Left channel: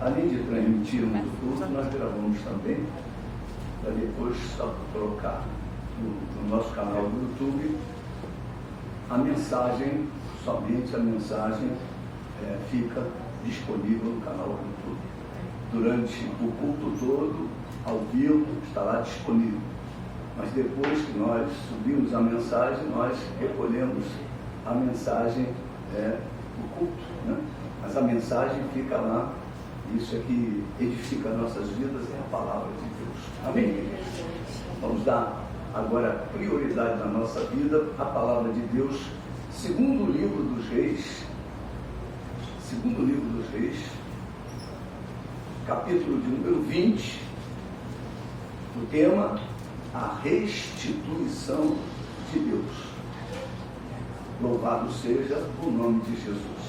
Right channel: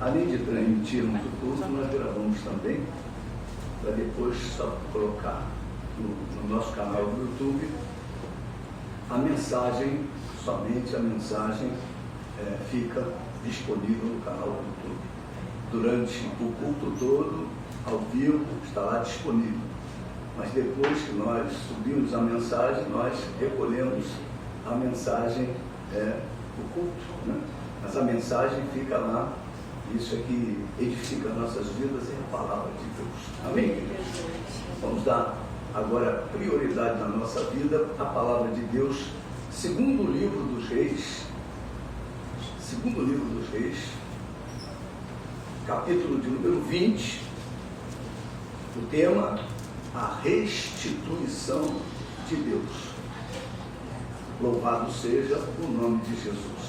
além de transmitirmos o culto, nós gravamos também, para depois só colocar no nosso canal do YouTube a mensagem, somente a mensagem fica disponível no canal do YouTube. Durante o culto todo, ao vivo, está lá disponível. Mas depois que nós subimos a mensagem, nós recolhemos a mensagem do culto, né? Mas a mensagem fica lá. Isso é que edifica nossas vidas, é a palavra de Deus. Amém? Vamos dar agora prioridade na nossa vida à palavra de Deus, segundo o livro dos Reis, capítulo de número 20, o tema, a restituição de Deus. Louvado seja o nome de Jesus.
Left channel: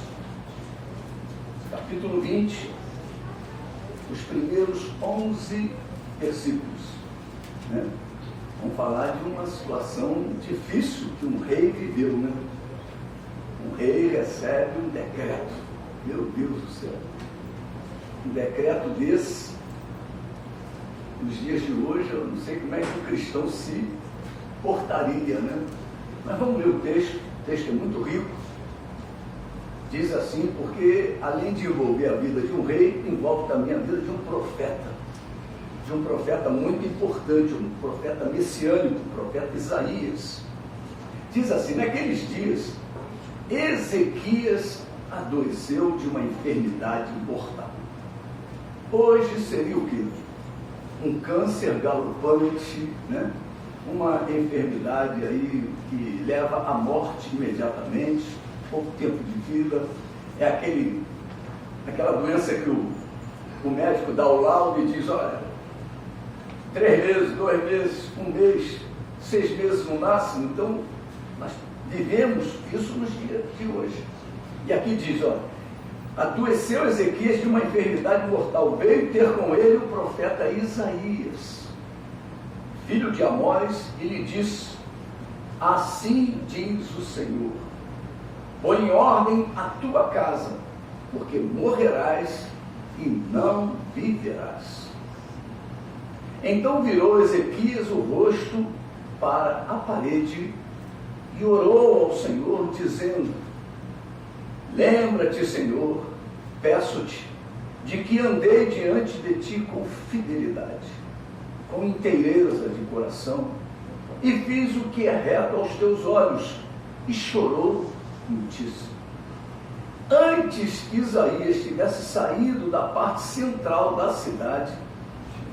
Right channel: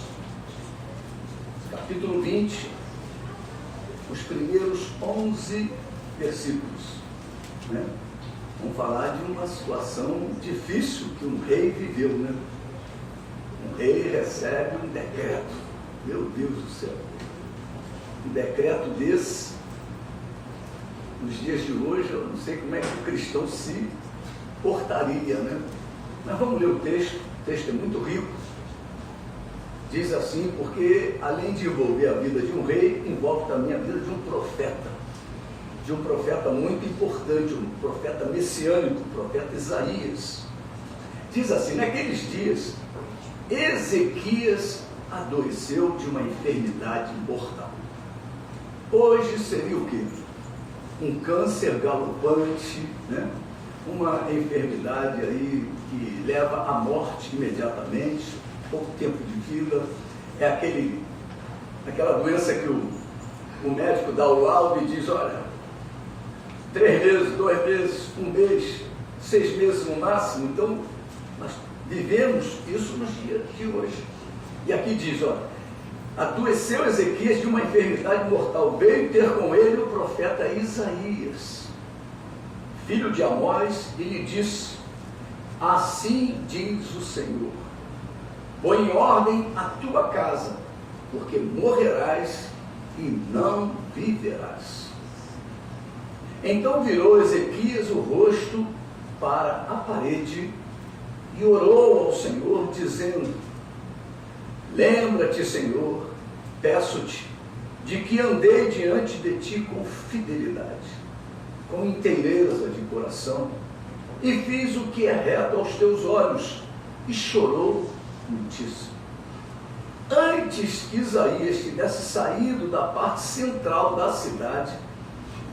Capítulo 20, os primeiros 11 versículos, né? Vamos falar de uma situação difícil que um rei viveu, né? Um rei recebe um decreto, meu Deus do céu, um decreto desse, nos dias de hoje, eu não sei como é que o cristão se portaria, né? Mas vamos ler o texto é muito rico. Diz assim, porque além de envolver a vida de um rei, envolve também a vida de um profeta muito importante, um profeta messiânico, o profeta Isaías. Diz assim, naqueles dias, Ezequias adoeceu de uma enfermidade mortal. Hoje seria o quê? Um câncer galopante, né? Uma enfermidade aí que leva à morte imediatamente, pouco tempo de vida, é aquela doença que o médico dá o laudo e diz, olha, 3 meses, 2 meses, 1 mês, 6 meses no máximo. Então, nós vivemos isso nos dias de hoje. E aqui diz, olha, adoeceu Ezequias de uma enfermidade mortal, veio ter com ele o profeta Isaías, filho de Amós, e lhe disse, assim diz o Senhor, põe em ordem a tua casa, porque morrerás e não viverás. Então virou Ezequias o rosto para a parede e orou ao Senhor, dizendo, lembra-te, Senhor, peço-te, de que andei diante de ti com fidelidade, com inteireza de coração, e fiz o que é reto aos teus olhos, e chorou muitíssimo. Antes que Isaías tivesse saído da parte central da cidade,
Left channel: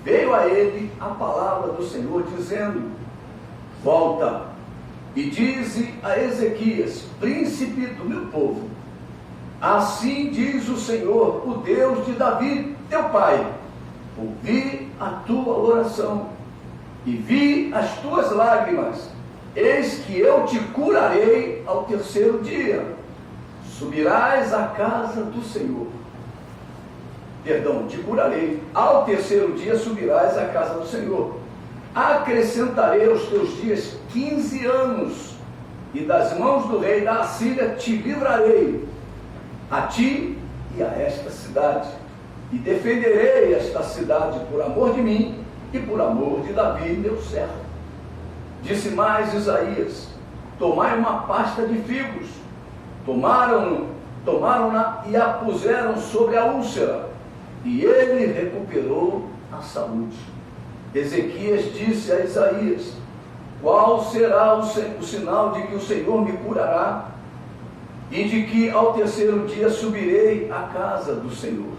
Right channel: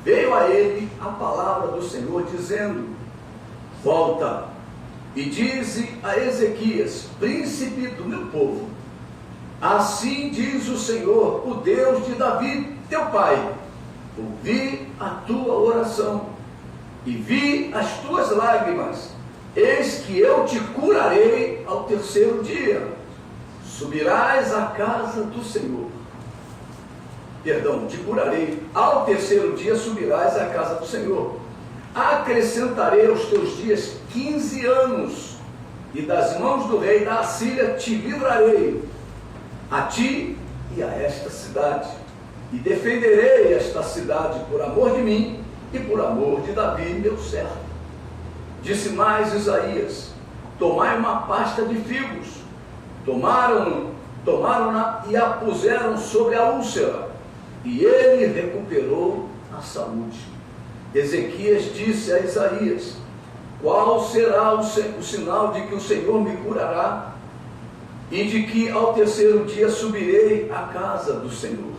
veio a ele a palavra do Senhor, dizendo, volta e dize a Ezequias, príncipe do meu povo, assim diz o Senhor, o Deus de Davi, teu pai, ouvi a tua oração e vi as tuas lágrimas, eis que eu te curarei ao terceiro dia, subirás à casa do Senhor. Te curarei, ao terceiro dia subirás à casa do Senhor. Acrescentarei aos teus dias 15 anos, e das mãos do rei da Assíria te livrarei, a ti e a esta cidade, e defenderei esta cidade por amor de mim e por amor de Davi, meu servo. Disse mais Isaías, tomai uma pasta de figos, tomaram-na e a puseram sobre a úlcera, e ele recuperou a saúde. Ezequias disse a Isaías, qual será o sinal de que o Senhor me curará, e de que ao terceiro dia subirei à casa do Senhor?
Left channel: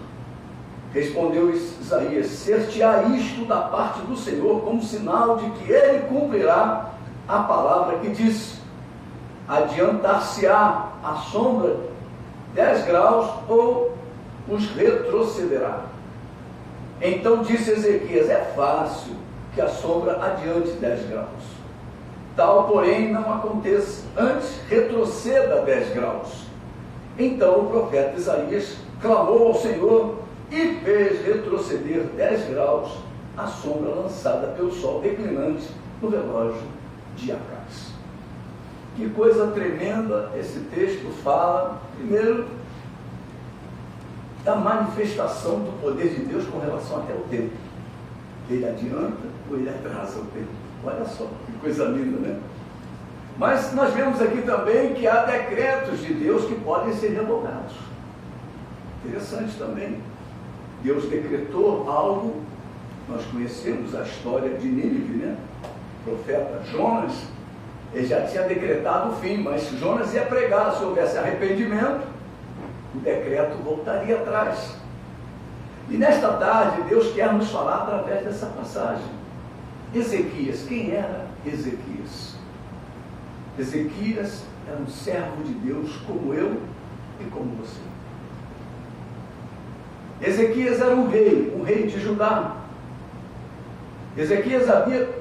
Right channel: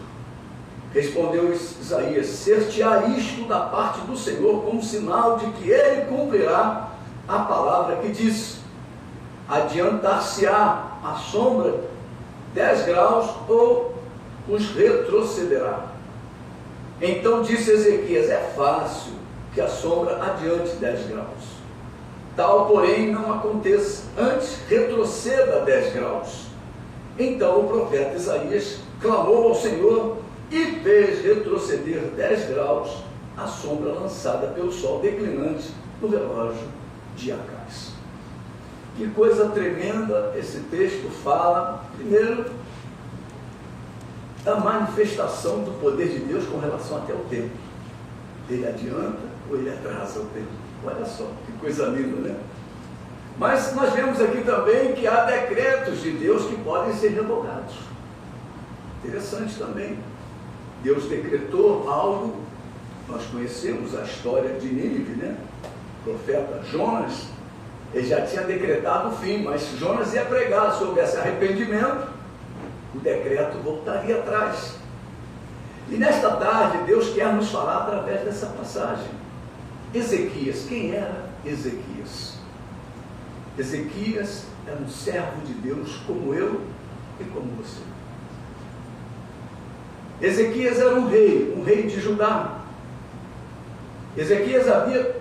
Respondeu Isaías, ser-te-á isto da parte do Senhor como sinal de que ele cumprirá a palavra que diz, adiantar-se-á a sombra 10 graus ou os retrocederá. Então disse Ezequias, é fácil que a sombra adiante 10 graus. Tal, porém, não aconteça, antes retroceda 10 graus. Então o profeta Isaías clamou ao Senhor e fez retroceder 10 graus a sombra lançada pelo sol declinante no relógio de Acás. Que coisa tremenda esse texto fala. Primeiro, da manifestação do poder de Deus com relação até ao tempo. Ele adianta ou ele atrasa o tempo? Olha só, que coisa linda, né? Mas nós vemos aqui também que há decretos de Deus que podem ser revogados. Interessante também. Deus decretou algo, nós conhecemos a história de Nínive, né? O profeta Jonas, ele já tinha decretado o fim, mas se Jonas ia pregar, se houvesse arrependimento, o decreto voltaria atrás. E nesta tarde, Deus quer nos falar através dessa passagem. Ezequias, quem era Ezequias? Ezequias era um servo de Deus como eu e como você. Ezequias era um rei de Judá. Ezequias havia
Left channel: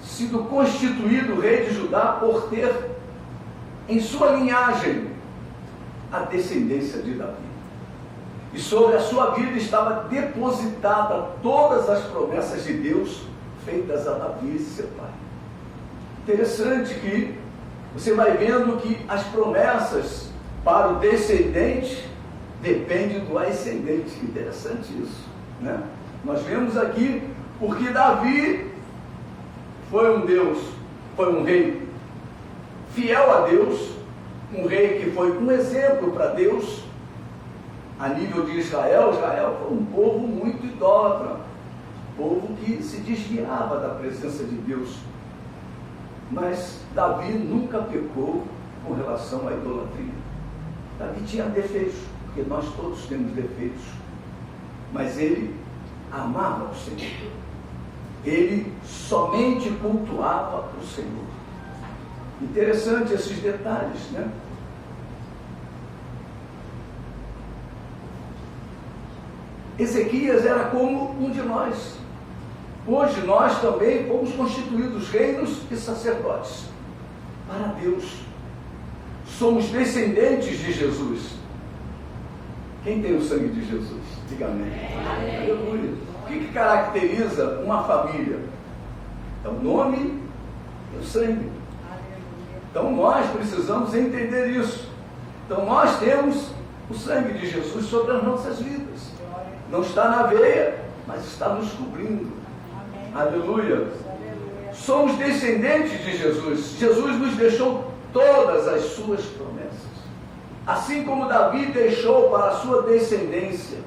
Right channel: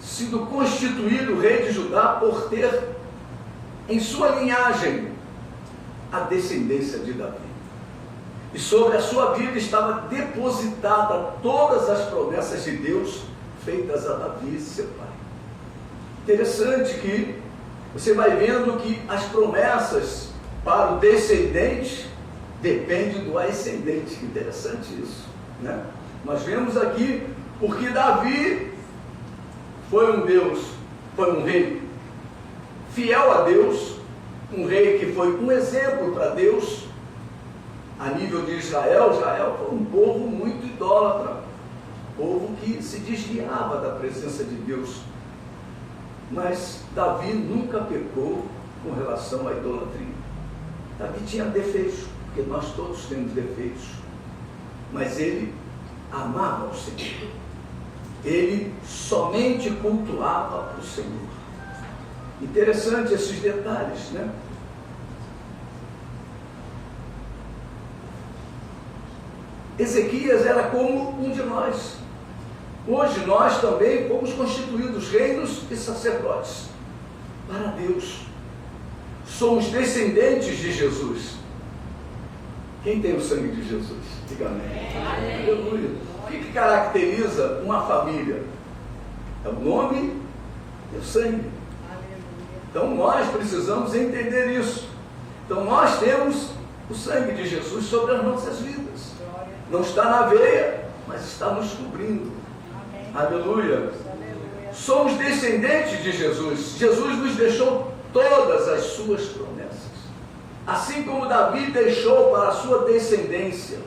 sido constituído rei de Judá por ter em sua linhagem a descendência de Davi. E sobre a sua vida estava depositada todas as promessas de Deus feitas a Davi, seu pai. Interessante que você vai vendo que as promessas para o descendente dependem do ascendente. Interessante isso, né? Nós vemos aqui porque Davi foi um rei fiel a Deus, um rei que foi um exemplo para Deus a nível de Israel. Israel foi um povo muito idólatra, povo que se desviava da presença de Deus. Mas Davi nunca pecou com relação à idolatria. Davi tinha defeitos, porque nós todos temos defeitos, mas ele amava o Senhor. Ele somente cultuava o Senhor. Interessante esses detalhes, né? Ezequias era como um de nós. Hoje nós também fomos constituídos reinos e sacerdotes para Deus. Somos descendentes de Jesus. Quem tem o sangue de Jesus? Diga amém. Aleluia. O que caracteriza uma família? É o nome e o sangue. Aleluia. Então nós precisamos entender isso. Então nós temos o sangue de Jesus sobre as nossas vidas. Não está na veia, mas está nos cobrindo. Amém. Aleluia. Aleluia. Somos descendentes de Jesus. Jesus nos deixou todas as suas promessas. Assim como Davi deixou para a sua descendência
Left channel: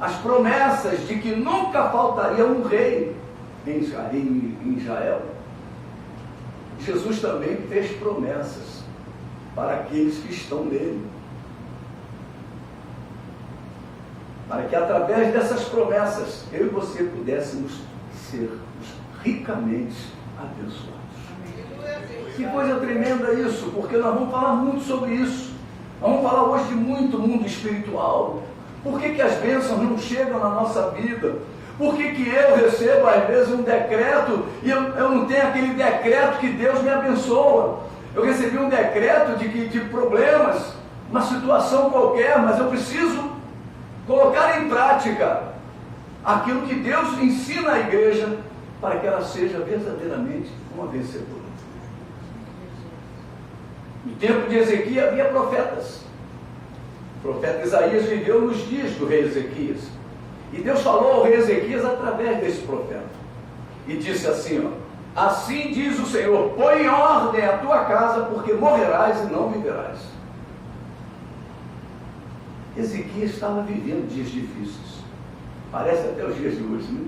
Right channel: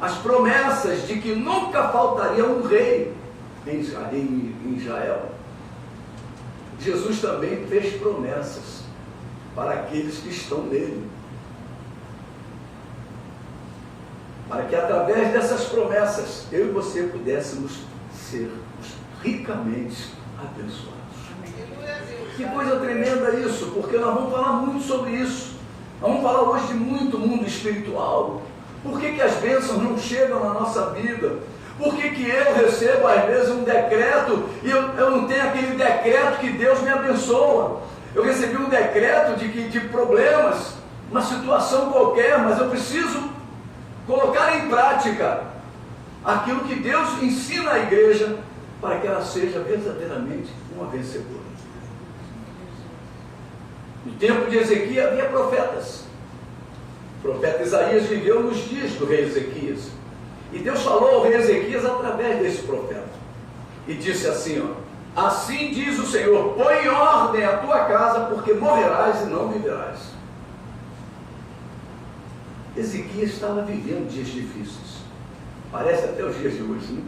as promessas de que nunca faltaria um rei em Israel, Jesus também fez promessas para aqueles que estão nele. Para que através dessas promessas, eu e você pudéssemos ser ricamente abençoados. Que coisa tremenda isso, porque nós vamos falar muito sobre isso. Nós vamos falar hoje de muito mundo espiritual. Por que as bênçãos não chegam na nossa vida? Por que eu recebo às vezes um decreto e eu não tenho aquele decreto que Deus me abençoa? Eu recebi um decreto de problemas, uma situação qualquer, mas eu preciso colocar em prática aquilo que Deus ensina à igreja para que ela seja verdadeiramente uma vencedora. No tempo de Ezequias havia profetas. O profeta Isaías viveu nos dias do rei Ezequias. E Deus falou ao rei Ezequias através desse profeta. E disse assim, ó: assim diz o Senhor, põe em ordem a tua casa, porque morrerás e não viverás. Ezequias estava vivendo dias difíceis. Parece até os dias de hoje, né?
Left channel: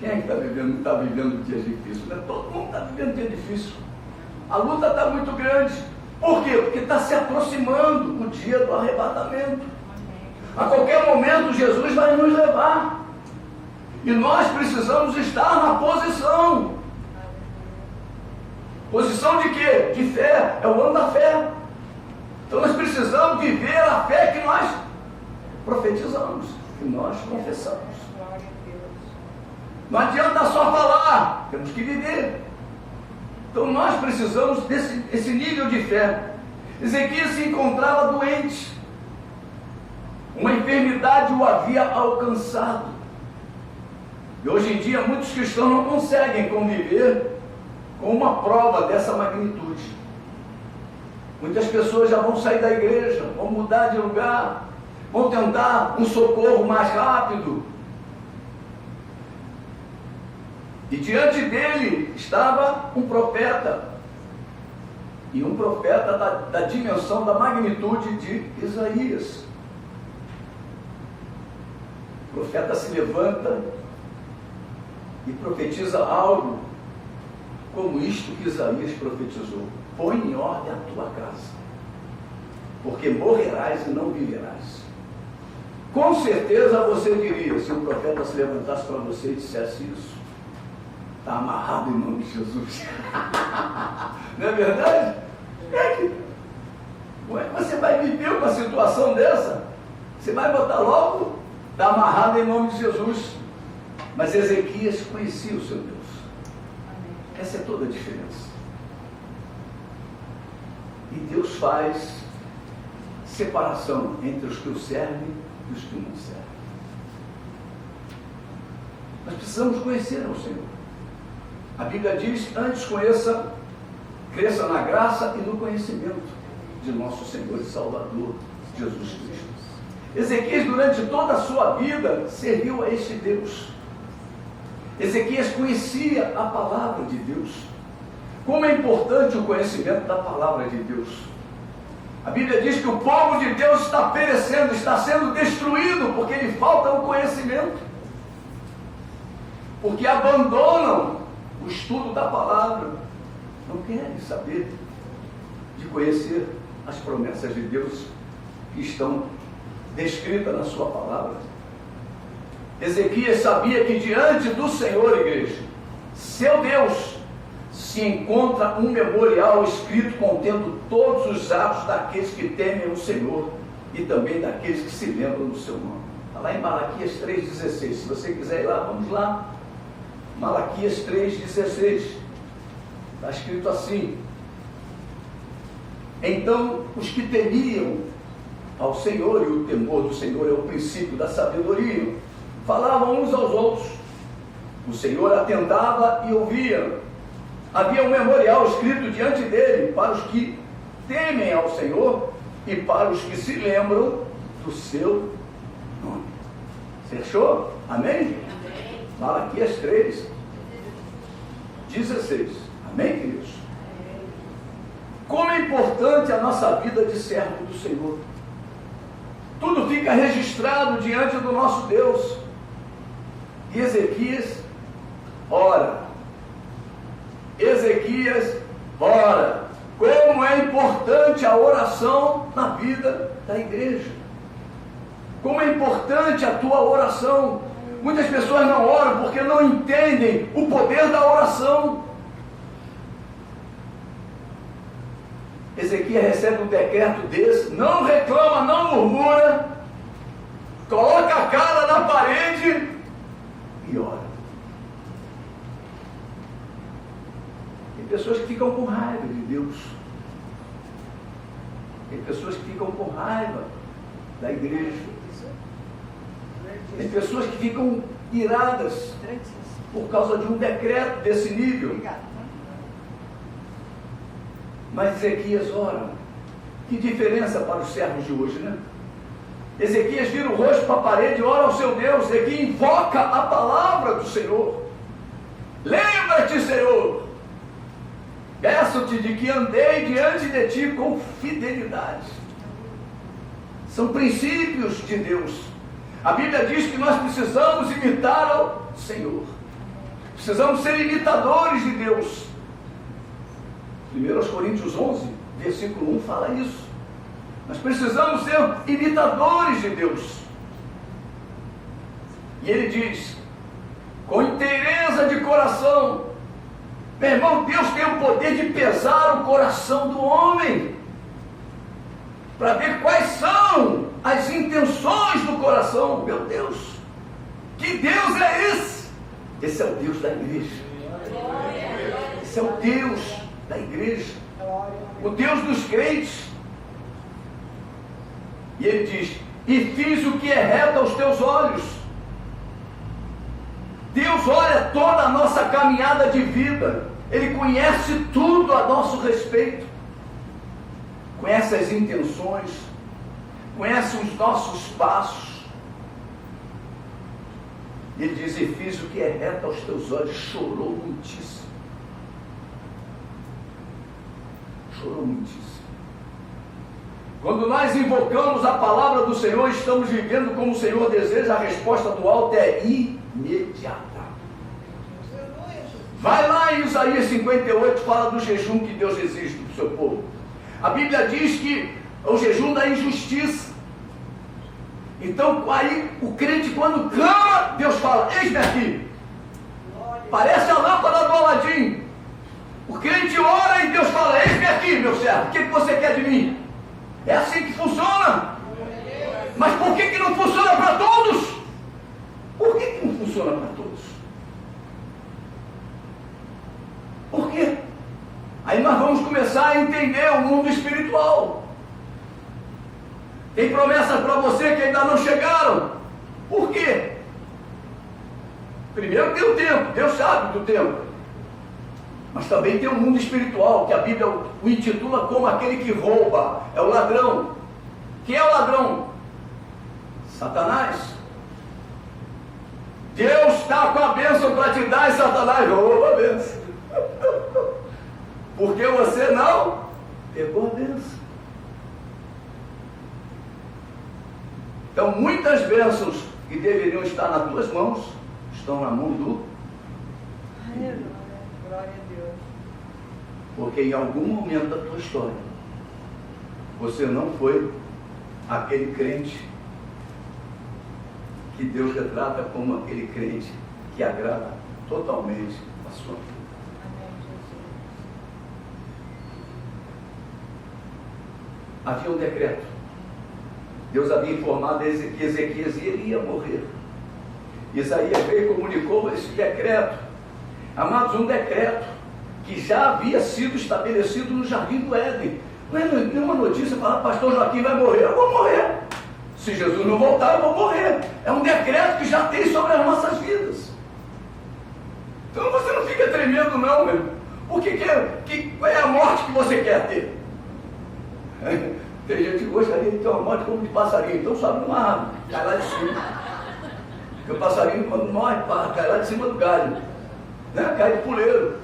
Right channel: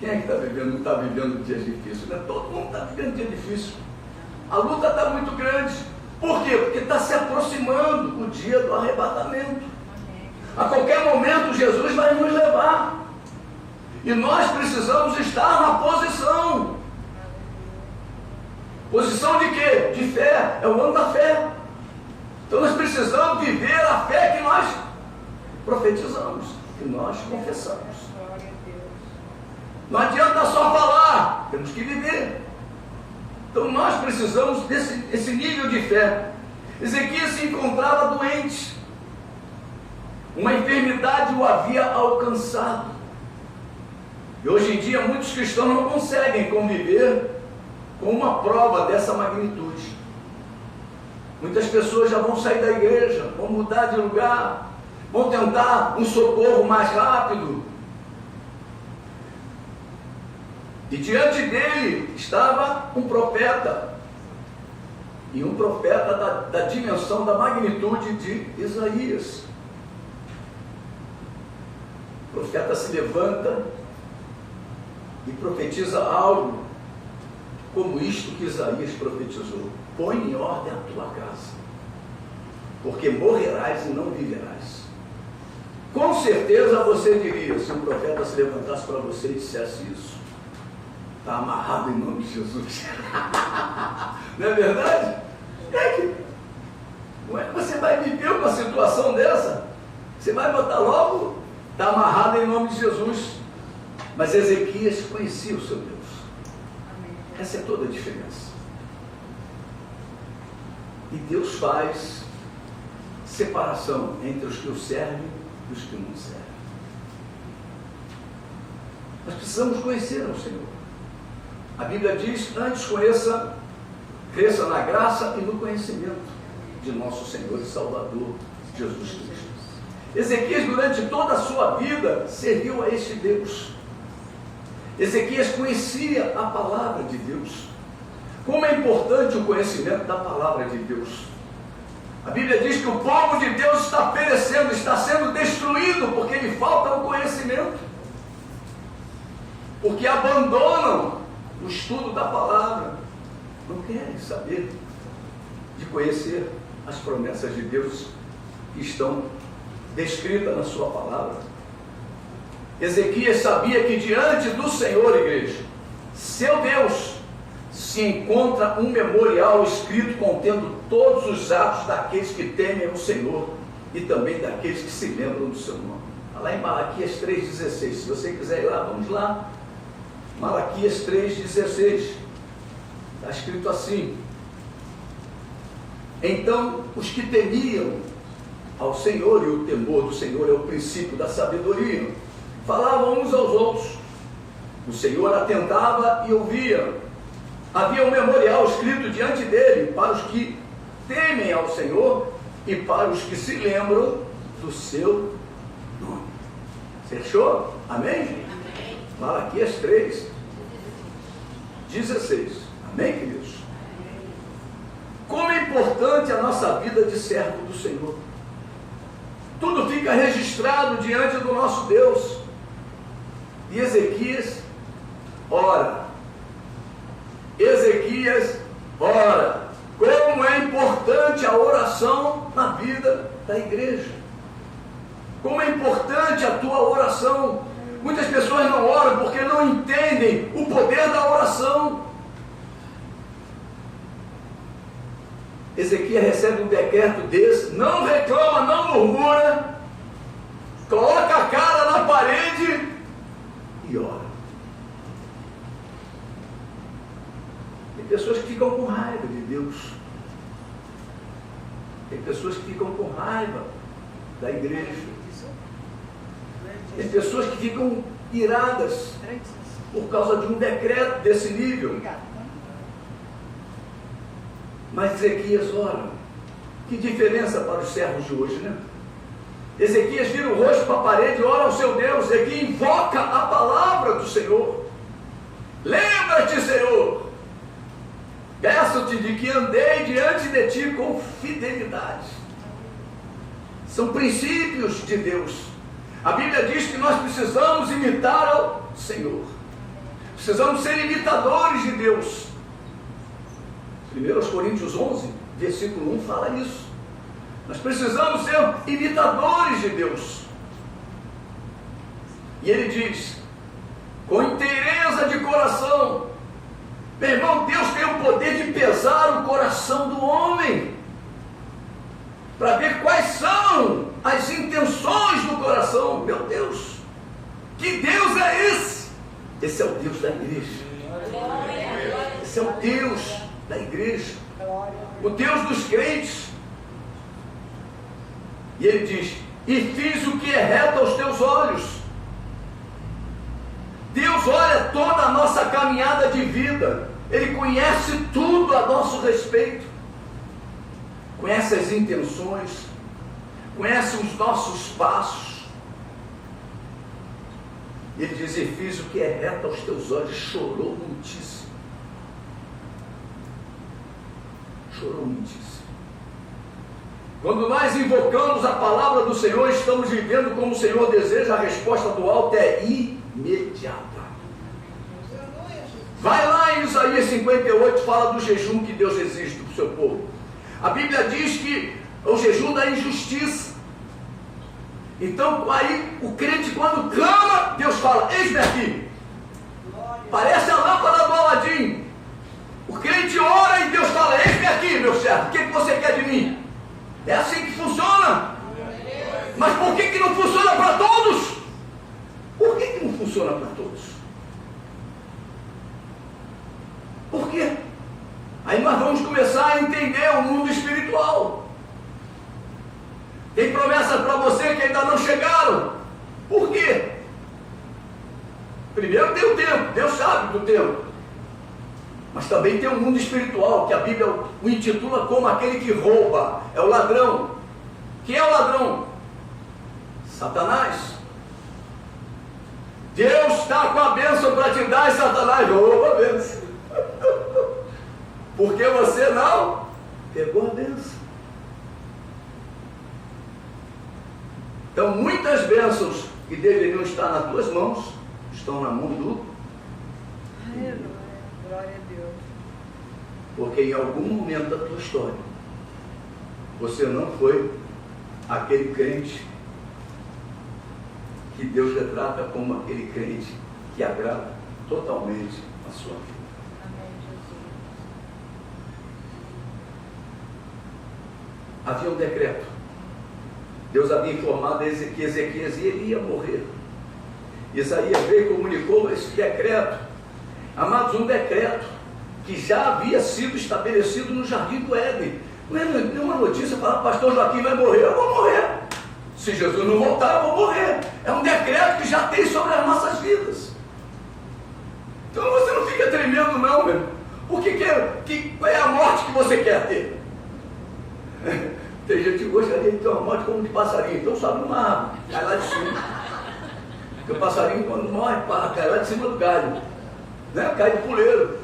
Quem é que não está vivendo dias difíceis? Né? Todo mundo está vivendo dia difícil. A luta está muito grande. Por quê? Porque está se aproximando o dia do arrebatamento. A qualquer momento Jesus vai nos levar. E nós precisamos estar na posição. Posição de quê? De fé. É o ano da fé. Então nós precisamos viver a fé que nós profetizamos, que nós confessamos. Não adianta só falar, temos que viver. Então nós precisamos desse nível de fé. Ezequias se encontrava doente. Uma enfermidade o havia alcançado. E hoje em dia muitos cristãos não conseguem conviver com uma prova dessa magnitude. Muitas pessoas já vão sair da igreja, vão mudar de lugar, vão tentar um socorro mais rápido. E diante dele estava um profeta, e um profeta da dimensão, da magnitude de Isaías. O profeta se levanta e profetiza algo como isto que Isaías profetizou: põe em ordem a tua casa, porque morrerás e não viverás. Com certeza você diria, se um profeta se levantasse para você e dissesse isso: está amarrado em nome de Jesus. Não é verdade? Você vai viver uma situação dessa? Você vai botar logo: está amarrado em nome de Jesus. Mas Ezequias conhecia o seu Deus. Essa é toda a diferença. E Deus faz separação entre os que o servem e os que não servem. Nós precisamos conhecer o Senhor. A Bíblia diz: antes cresça na graça e no conhecimento de nosso Senhor e Salvador Jesus Cristo. Ezequias, durante toda a sua vida, serviu a este Deus. Ezequias conhecia a palavra de Deus. Como é importante o conhecimento da palavra de Deus. A Bíblia diz que o povo de Deus está perecendo, está sendo destruído, porque lhe falta o conhecimento. Porque abandonam o estudo da palavra. Não querem saber de conhecer as promessas de Deus que estão descritas na sua palavra. Ezequias sabia que diante do Senhor, igreja, seu Deus, se encontra um memorial escrito contendo todos os atos daqueles que temem o Senhor e também daqueles que se lembram do seu nome. Está lá em Malaquias 3,16. Se você quiser ir lá, vamos lá. Malaquias 3,16. Está escrito assim: então os que temiam ao Senhor, e o temor do Senhor é o princípio da sabedoria, falavam uns aos outros. O Senhor atentava e ouvia. Havia um memorial escrito diante dele para os que temem ao Senhor e para os que se lembram do seu nome. Você achou? Amém? Amém. Malaquias 3:16. Amém, queridos? Como é importante a nossa vida de servo do Senhor. Tudo fica registrado diante do nosso Deus. E Ezequias ora. Ezequias ora. Como é importante a oração na vida da igreja. Como é importante a tua oração. Muitas pessoas não oram porque não entendem o poder da oração. Ezequias recebe um decreto desse, não reclama, não murmura, coloca a cara na parede e ora. Tem pessoas que ficam com raiva de Deus. Tem pessoas que ficam com raiva da igreja. Tem pessoas que ficam iradas por causa de um decreto desse nível. Mas Ezequias ora. Que diferença para os servos de hoje, né? Ezequias vira o rosto para a parede e ora ao seu Deus. Ezequias invoca a palavra do Senhor. Lembra-te, Senhor, peço-te de que andei diante de ti com fidelidade. São princípios de Deus. A Bíblia diz que nós precisamos imitar ao Senhor. Precisamos ser imitadores de Deus. 1 Coríntios 11, versículo 1 fala isso. Nós precisamos ser imitadores de Deus. E ele diz, com inteireza de coração. Meu irmão, Deus tem o poder de pesar o coração do homem, para ver quais são as intenções do coração. Meu Deus, que Deus é esse? Esse é o Deus da igreja. Esse é o Deus da igreja, o Deus dos crentes. E ele diz, e fiz o que é reto aos teus olhos. Deus olha toda a nossa caminhada de vida. Ele conhece tudo a nosso respeito. Conhece as intenções, conhece os nossos passos. Ele diz: e fiz o que é reto aos teus olhos. Chorou muitíssimo. Chorou muitíssimo. Quando nós invocamos a palavra do Senhor, estamos vivendo como o Senhor deseja, a resposta do alto é imediata. Vai lá em Isaías 58, fala do jejum que Deus exige do seu povo. A Bíblia diz que é o jejum da injustiça. Então, aí, o crente quando clama, Deus fala: eis-me aqui. Parece a lâmpada do Aladim. O crente ora e Deus fala: eis-me aqui, meu servo, o que você quer de mim? É assim que funciona. Mas por que não funciona para todos? Por que não funciona para todos? Por quê? Aí nós vamos começar a entender o mundo espiritual. Tem promessas para você que ainda não chegaram. Por quê? Primeiro tem o tempo, Deus sabe do tempo. Mas também tem um mundo espiritual, que a Bíblia o intitula como aquele que rouba, é o ladrão. Quem é o ladrão? Satanás. Deus está com a bênção para te dar e Satanás rouba a bênção. Porque você não pegou a bênção. Então muitas bênçãos que deveriam estar nas tuas mãos, estão na mão do... Aleluia. Glória a Deus. Porque em algum momento da tua história, você não foi aquele crente que Deus retrata como aquele crente que agrada totalmente a sua vida. Amém, Jesus. Havia um decreto. Deus havia informado a Ezequias e ele ia morrer. Isaías veio e comunicou esse decreto. Amados, um decreto que já havia sido estabelecido no Jardim do Éden. Não é nenhuma notícia falando: pastor Joaquim vai morrer. Eu vou morrer. Se Jesus não voltar, eu vou morrer. É um decreto que já tem sobre as nossas vidas. Então você não fica tremendo não, meu. Porque qual é a morte que você quer ter? Tem gente que gostaria de ter uma morte como de passarinho. Então sobe numa árvore, cai lá de cima. Porque o passarinho, quando morre, cai lá de cima do galho, né? Cai de puleiro.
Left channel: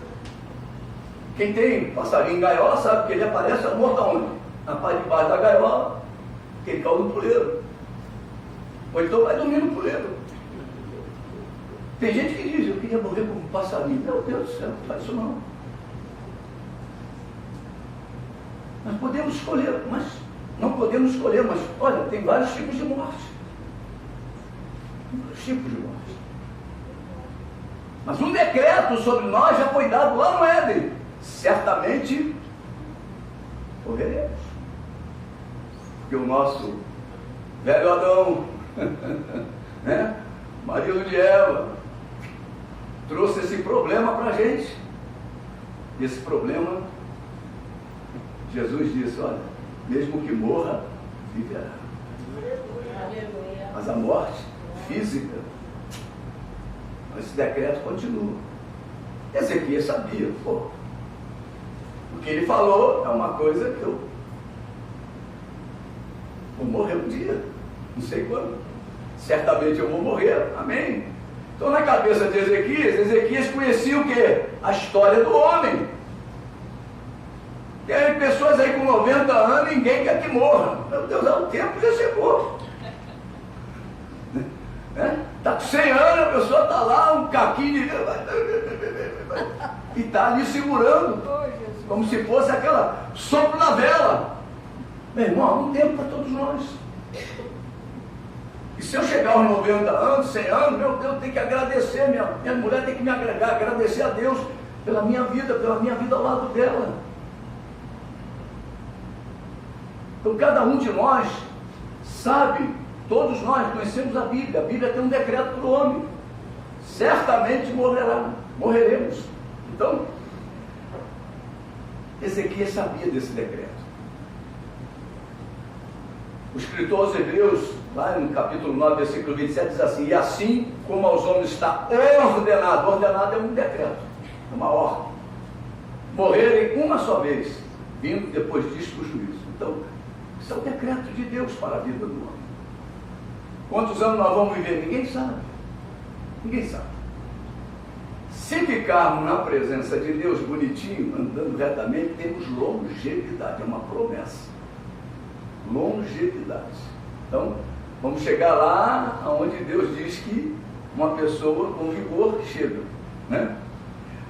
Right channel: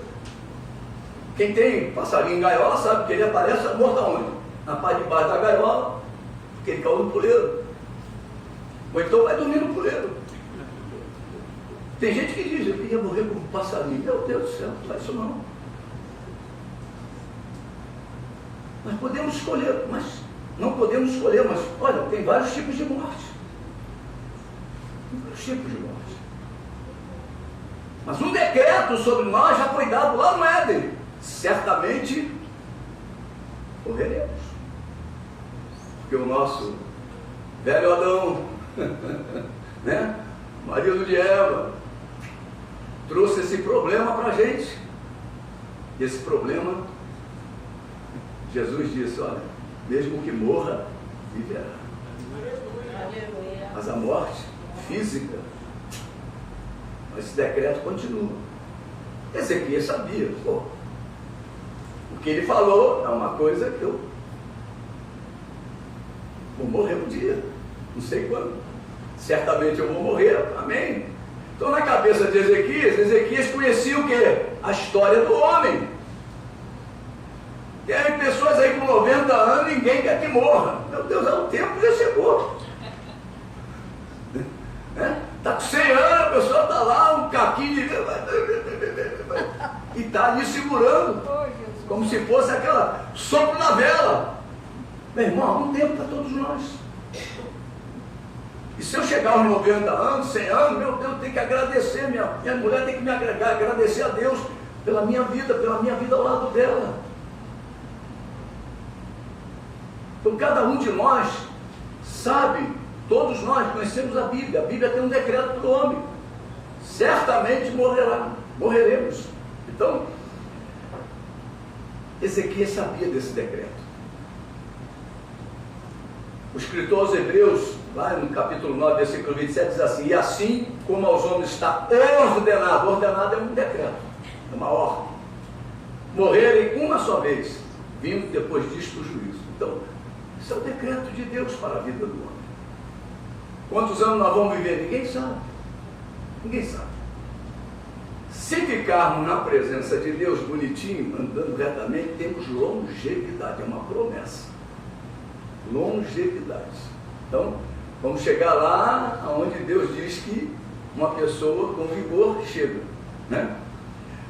Quem tem passarinho em gaiola sabe que ele aparece morto aonde? Na parte de baixo da gaiola, porque ele caiu no puleiro. Ou então vai dormir no puleiro. Tem gente que diz: eu queria morrer como um passarinho. Meu Deus do céu, não faz isso não. Nós podemos escolher, mas não podemos escolher, mas olha, tem vários tipos de morte. Vários tipos de morte. Mas um decreto sobre nós já foi dado lá no Éden. Certamente morreremos. Porque o nosso velho Adão, né? Marido de Eva, trouxe esse problema para a gente. E esse problema, Jesus disse: olha, mesmo que morra, viverá. Aleluia. Mas a morte física, esse decreto continua. Ezequias sabia, pô, o que ele falou é uma coisa que eu vou morrer um dia, não sei quando, certamente eu vou morrer, amém? Então na cabeça de Ezequias conhecia o que? A história do homem. Tem pessoas aí com 90 anos, ninguém quer que morra. Meu Deus, o tempo já chegou. Está com 100 anos, a pessoa está lá, um caquinho de... e está ali segurando, como se fosse aquela sopro na vela. Meu irmão, há um tempo para todos nós. E se eu chegar aos 90 anos, 100 anos, meu Deus, eu tenho que agradecer, minha mulher tem que me agregar, agradecer a Deus pela minha vida ao lado dela. Então cada um de nós sabe, todos nós conhecemos a Bíblia tem um decreto para o homem, certamente morreremos. Então, Ezequias sabia desse decreto. O escritor aos Hebreus, lá no capítulo 9, versículo 27, diz assim: e assim como aos homens está ordenado é um decreto, uma ordem, morrerem uma só vez, vindo depois disto o juízo. Então, Isso é o decreto de Deus para a vida do homem. Quantos anos nós vamos viver? Ninguém sabe. Ninguém sabe. Se ficarmos na presença de Deus bonitinho, andando retamente, temos longevidade. É uma promessa. Longevidade. Então, vamos chegar lá onde Deus diz que uma pessoa com vigor chega, né?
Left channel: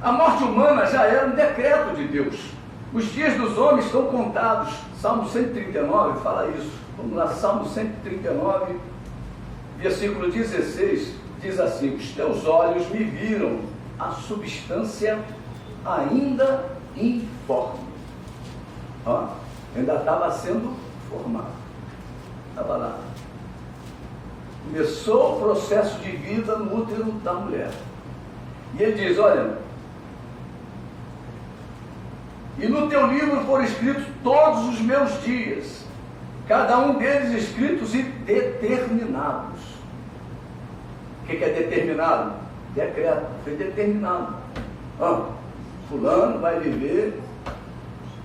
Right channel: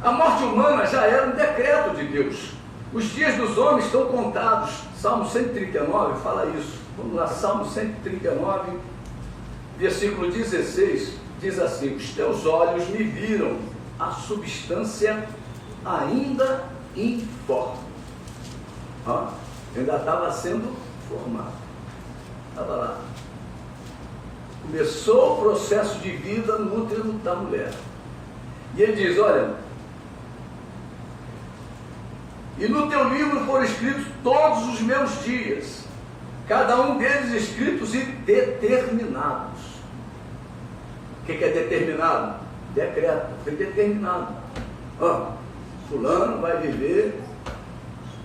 A morte humana já era um decreto de Deus. Os dias dos homens estão contados. Salmo 139 fala isso. Vamos lá, Salmo 139, versículo 16, diz assim: os teus olhos me viram a substância ainda informe. Ó, ainda estava sendo formado. Estava lá. Começou o processo de vida no útero da mulher. E ele diz, olha, e no teu livro foram escritos todos os meus dias, cada um deles escritos e determinados. O que é determinado? Decreto, foi determinado. Ó, fulano vai viver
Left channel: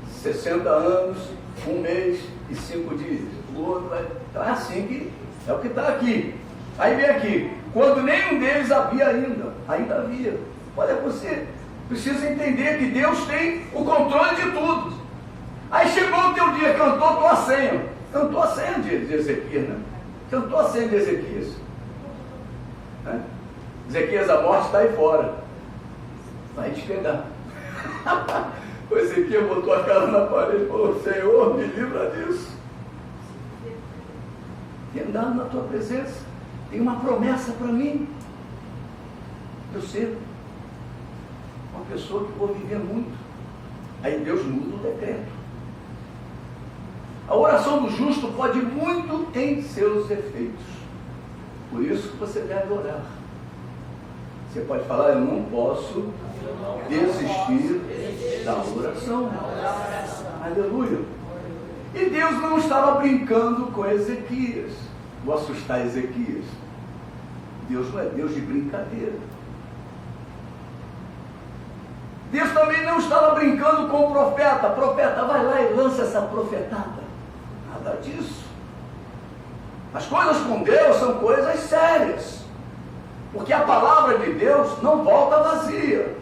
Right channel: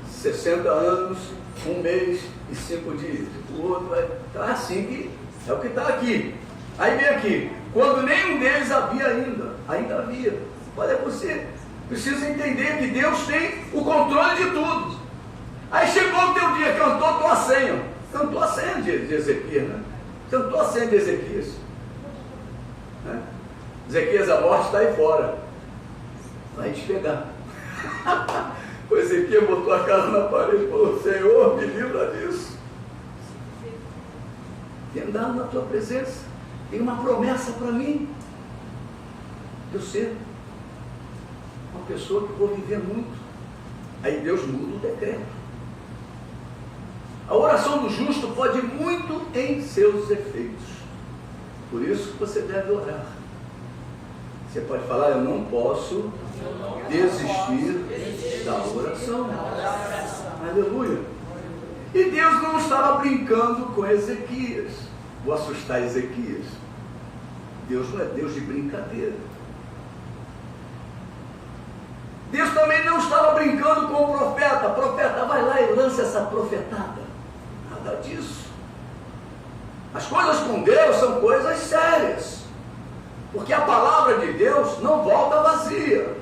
60 anos, 1 mês e 5 dias. O outro vai... Então é assim que é o que está aqui. Aí vem aqui, quando nenhum deles havia ainda havia. Olha, você precisa entender que Deus tem o controle de tudo. Aí chegou o teu dia, cantou a tua senha. Cantou a senha de Ezequias, né? Cantou a senha de Ezequias. Né? Ezequias, a morte está aí fora. Vai te pegar. O Ezequias botou a cara na parede e falou, Senhor, me livra disso. Tem andado na tua presença. Tem uma promessa para mim. Eu ser uma pessoa que vou viver muito. Aí Deus muda o decreto. A oração do justo pode muito em seus efeitos. Por isso que você deve orar. Você pode falar, eu não posso desistir da oração. Aleluia. E Deus não estava brincando com Ezequias. Vou assustar Ezequias. Deus não é Deus de brincadeira. Deus também não estava brincando com o profeta. Profeta, vai lá e lança essa profetada. Nada disso. As coisas com Deus são coisas sérias. Porque a palavra de Deus não volta vazia.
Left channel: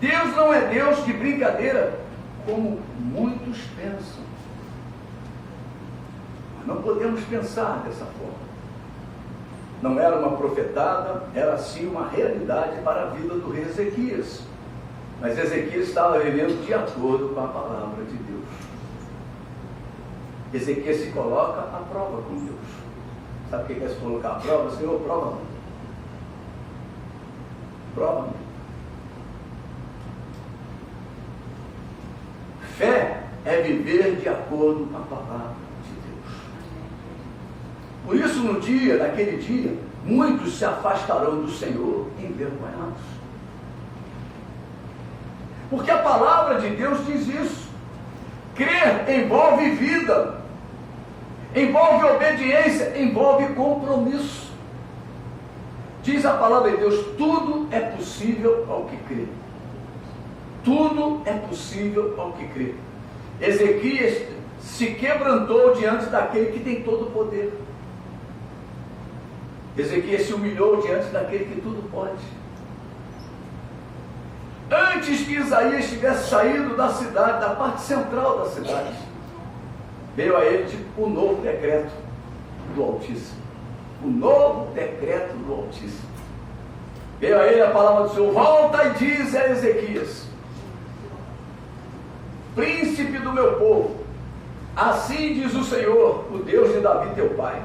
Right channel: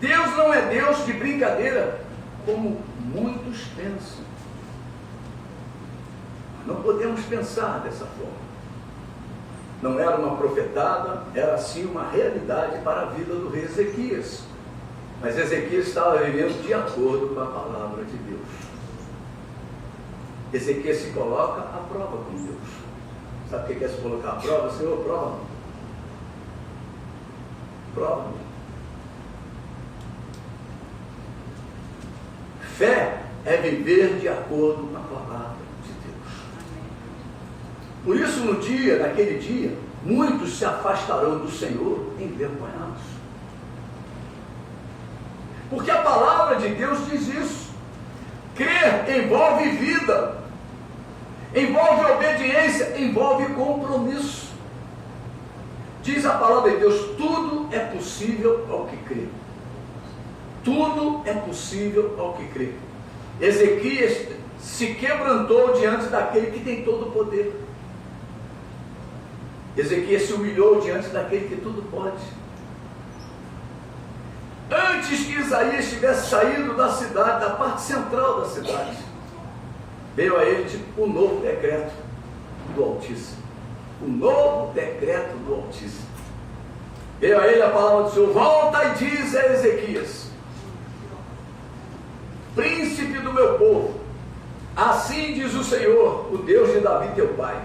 Deus não é Deus de brincadeira, como muitos pensam. Não podemos pensar dessa forma. Não era uma profetada, era sim uma realidade para a vida do rei Ezequias. Mas Ezequias estava vivendo de acordo com a palavra de Deus. Ezequias se coloca à prova com Deus. Sabe o que é se colocar à prova? Senhor, prova-me. Prova-me. Fé é viver de acordo com a palavra de Deus. Por isso, naquele dia, muitos se afastarão do Senhor envergonhados. Porque a palavra de Deus diz isso. Crer envolve vida, envolve obediência, envolve compromisso. Diz a palavra de Deus, tudo é possível ao que crê. Tudo é possível ao que crê. Ezequias se quebrantou diante daquele que tem todo o poder. Ezequias se humilhou diante daquele que tudo pode. Antes que Isaías tivesse saído da cidade, da parte central da cidade, veio a ele o novo decreto do Altíssimo. O novo decreto do Altíssimo. Veio a ele a palavra do Senhor, volta e diz a Ezequias, príncipe do meu povo, assim diz o Senhor, o Deus de Davi teu pai,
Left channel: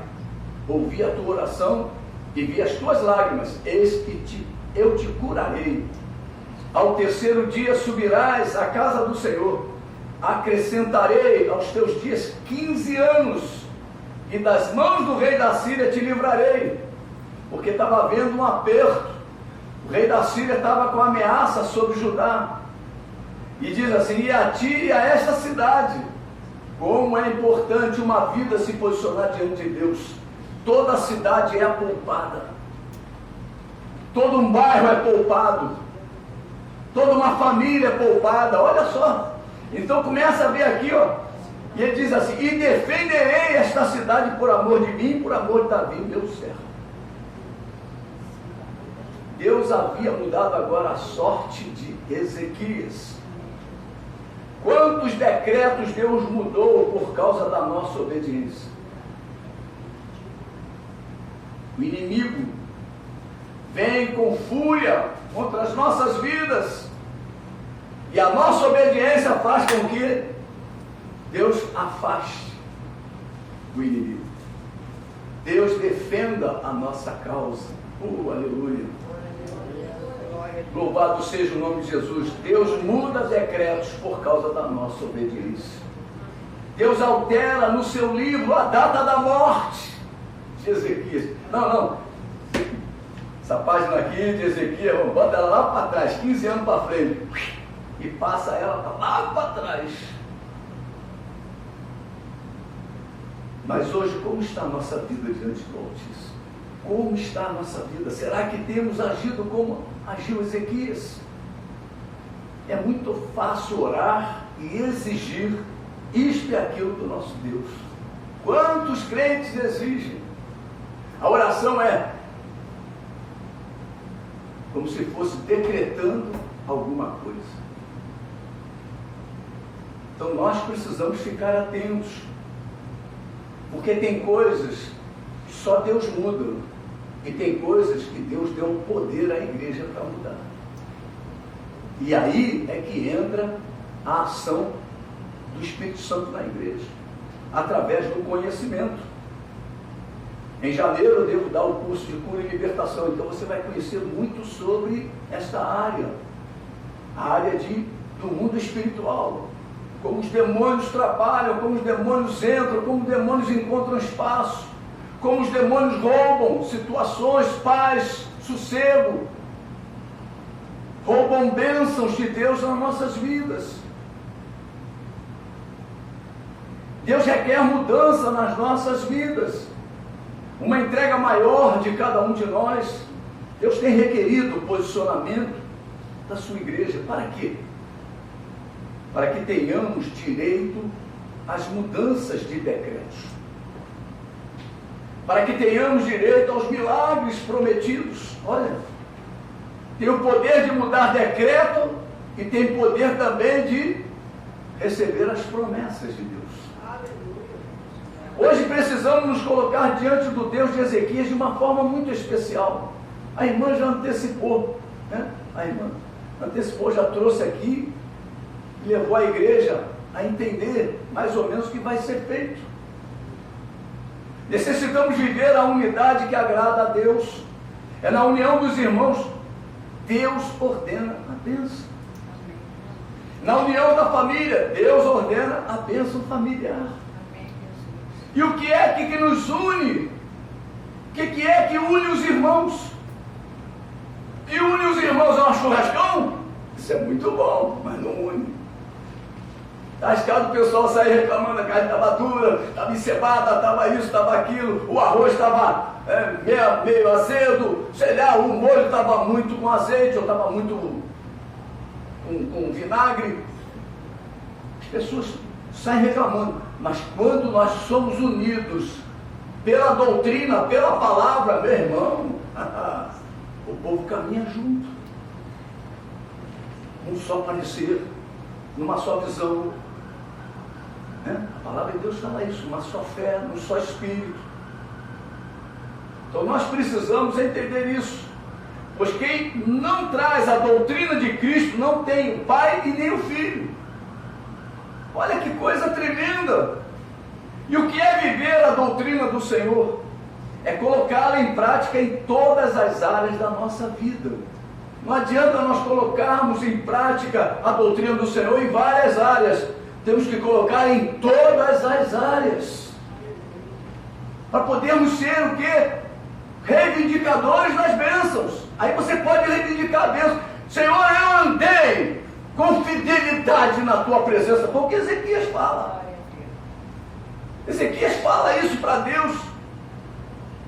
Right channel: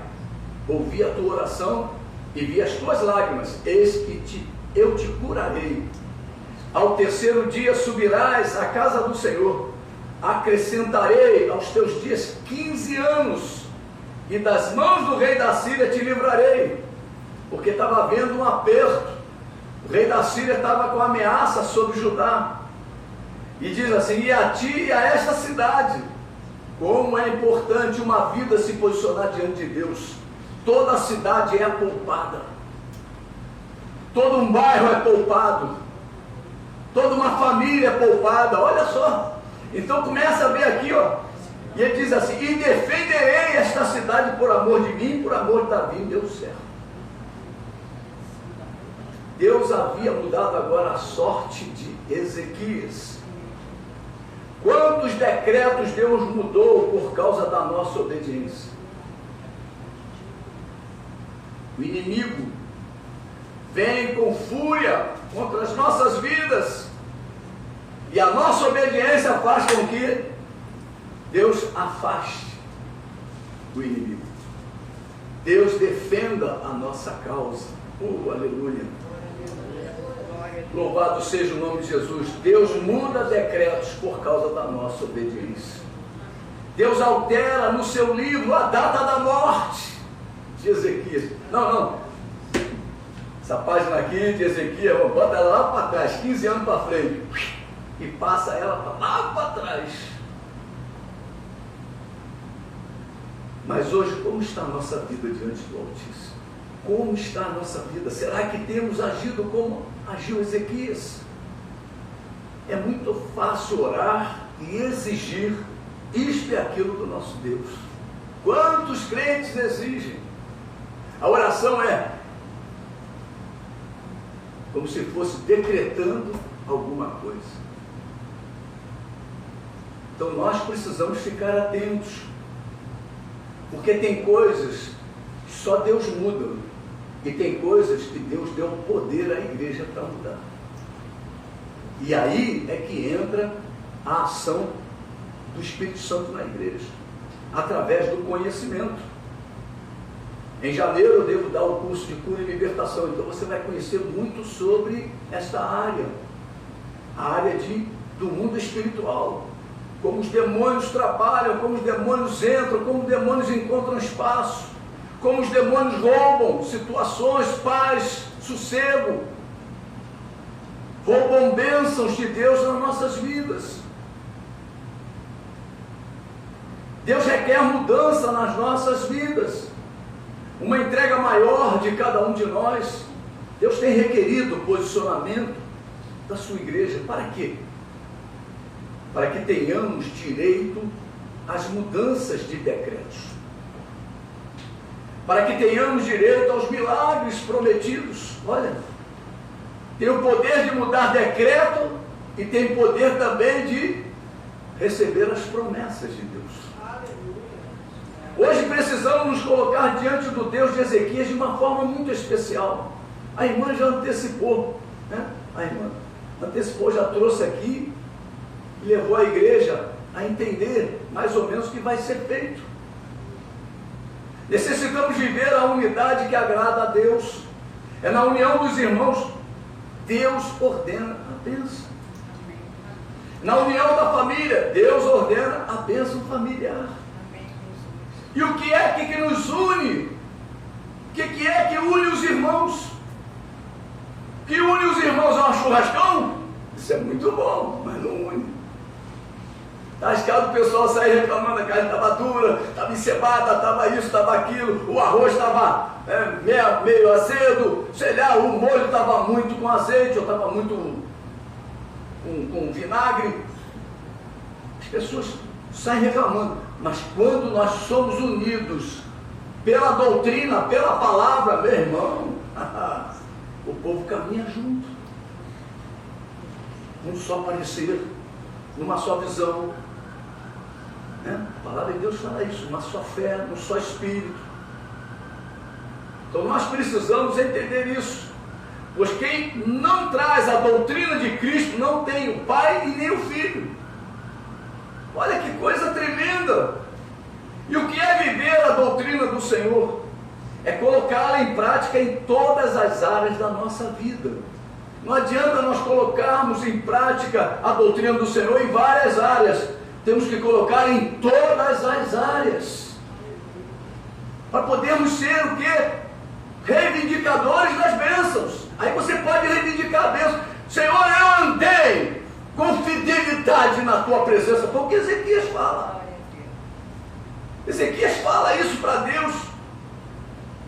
ouvi a tua oração e vi as tuas lágrimas, eis que eu te curarei. Ao terceiro dia subirás à casa do Senhor, acrescentarei aos teus dias 15 anos, e das mãos do rei da Síria te livrarei, porque estava havendo um aperto. O rei da Síria estava com ameaça sobre Judá, e diz assim, e a ti e a esta cidade, como é importante uma vida se posicionar diante de Deus. Toda a cidade é poupada, todo um bairro é poupado, toda uma família é poupada, olha só. Então começa a ver aqui, ó, E ele diz assim: e defenderei esta cidade por amor de mim, por amor de Davi, Deus servo. Deus havia mudado agora a sorte de Ezequias. Quantos decretos Deus mudou por causa da nossa obediência? O inimigo vem com fúria contra as nossas vidas, e a nossa obediência faz com que Deus afaste o inimigo. Deus defenda a nossa causa. Aleluia. Louvado seja o nome de Jesus. Deus muda decretos por causa da nossa obediência. Deus altera no seu livro a data da morte de Ezequias. Não. Essa página aqui de Ezequias, bota ela lá para trás, 15 anos para frente, e passa ela lá para trás. Mas hoje, como está a nossa vida diante do Altíssimo? Como está a nossa vida? Será que temos agido como agiu Ezequias? É muito fácil orar e exigir isto e aquilo do nosso Deus. Quantos crentes exigem? A oração é como se fosse decretando alguma coisa. Então nós precisamos ficar atentos, porque tem coisas que só Deus muda, e tem coisas que Deus deu poder à igreja para mudar. E aí é que entra a ação do Espírito Santo na igreja, através do conhecimento. Em janeiro eu devo dar o curso de cura e libertação, então você vai conhecer muito sobre esta área, a área do mundo espiritual, como os demônios trabalham, como os demônios entram, como os demônios encontram espaço, como os demônios roubam situações, paz, sossego, roubam bênçãos de Deus nas nossas vidas. Deus requer mudança nas nossas vidas, uma entrega maior de cada um de nós. Deus tem requerido o posicionamento da sua igreja. Para quê? Para que tenhamos direito às mudanças de decretos, para que tenhamos direito aos milagres prometidos. Olha, tem o poder de mudar decreto e tem poder também de receber as promessas de Deus. Hoje precisamos nos colocar diante do Deus de Ezequias de uma forma muito especial. A irmã já antecipou, né? A irmã antecipou, já trouxe aqui e levou a igreja a entender mais ou menos o que vai ser feito. Necessitamos viver a unidade que agrada a Deus. É na união dos irmãos Deus ordena a bênção. Na união da família Deus ordena a bênção familiar. E o que é que nos une? O que é que une os irmãos? E une os irmãos a um churrascão? Isso é muito bom, mas não une. Está arriscado o pessoal sair reclamando, a carne estava dura, estava encebada, estava isso, estava aquilo, o arroz estava meio azedo, sei lá, o molho estava muito com azeite, ou estava muito com vinagre. As pessoas saem reclamando, mas quando nós somos unidos pela doutrina, pela palavra, meu irmão, o povo caminha junto, num só parecer, numa só visão. A palavra de Deus fala isso, uma só fé, um só Espírito. Então nós precisamos entender isso, pois quem não traz a doutrina de Cristo não tem o Pai e nem o Filho. Olha que coisa tremenda! E o que é viver a doutrina do Senhor? É colocá-la em prática em todas as áreas da nossa vida. Não adianta nós colocarmos em prática a doutrina do Senhor em várias áreas. Temos que colocar em todas as áreas, para podermos ser o quê? Reivindicadores das bênçãos. Aí você pode reivindicar a bênção. Senhor, eu andei com fidelidade na tua presença. Foi o que Ezequias fala. Ezequias fala isso para Deus.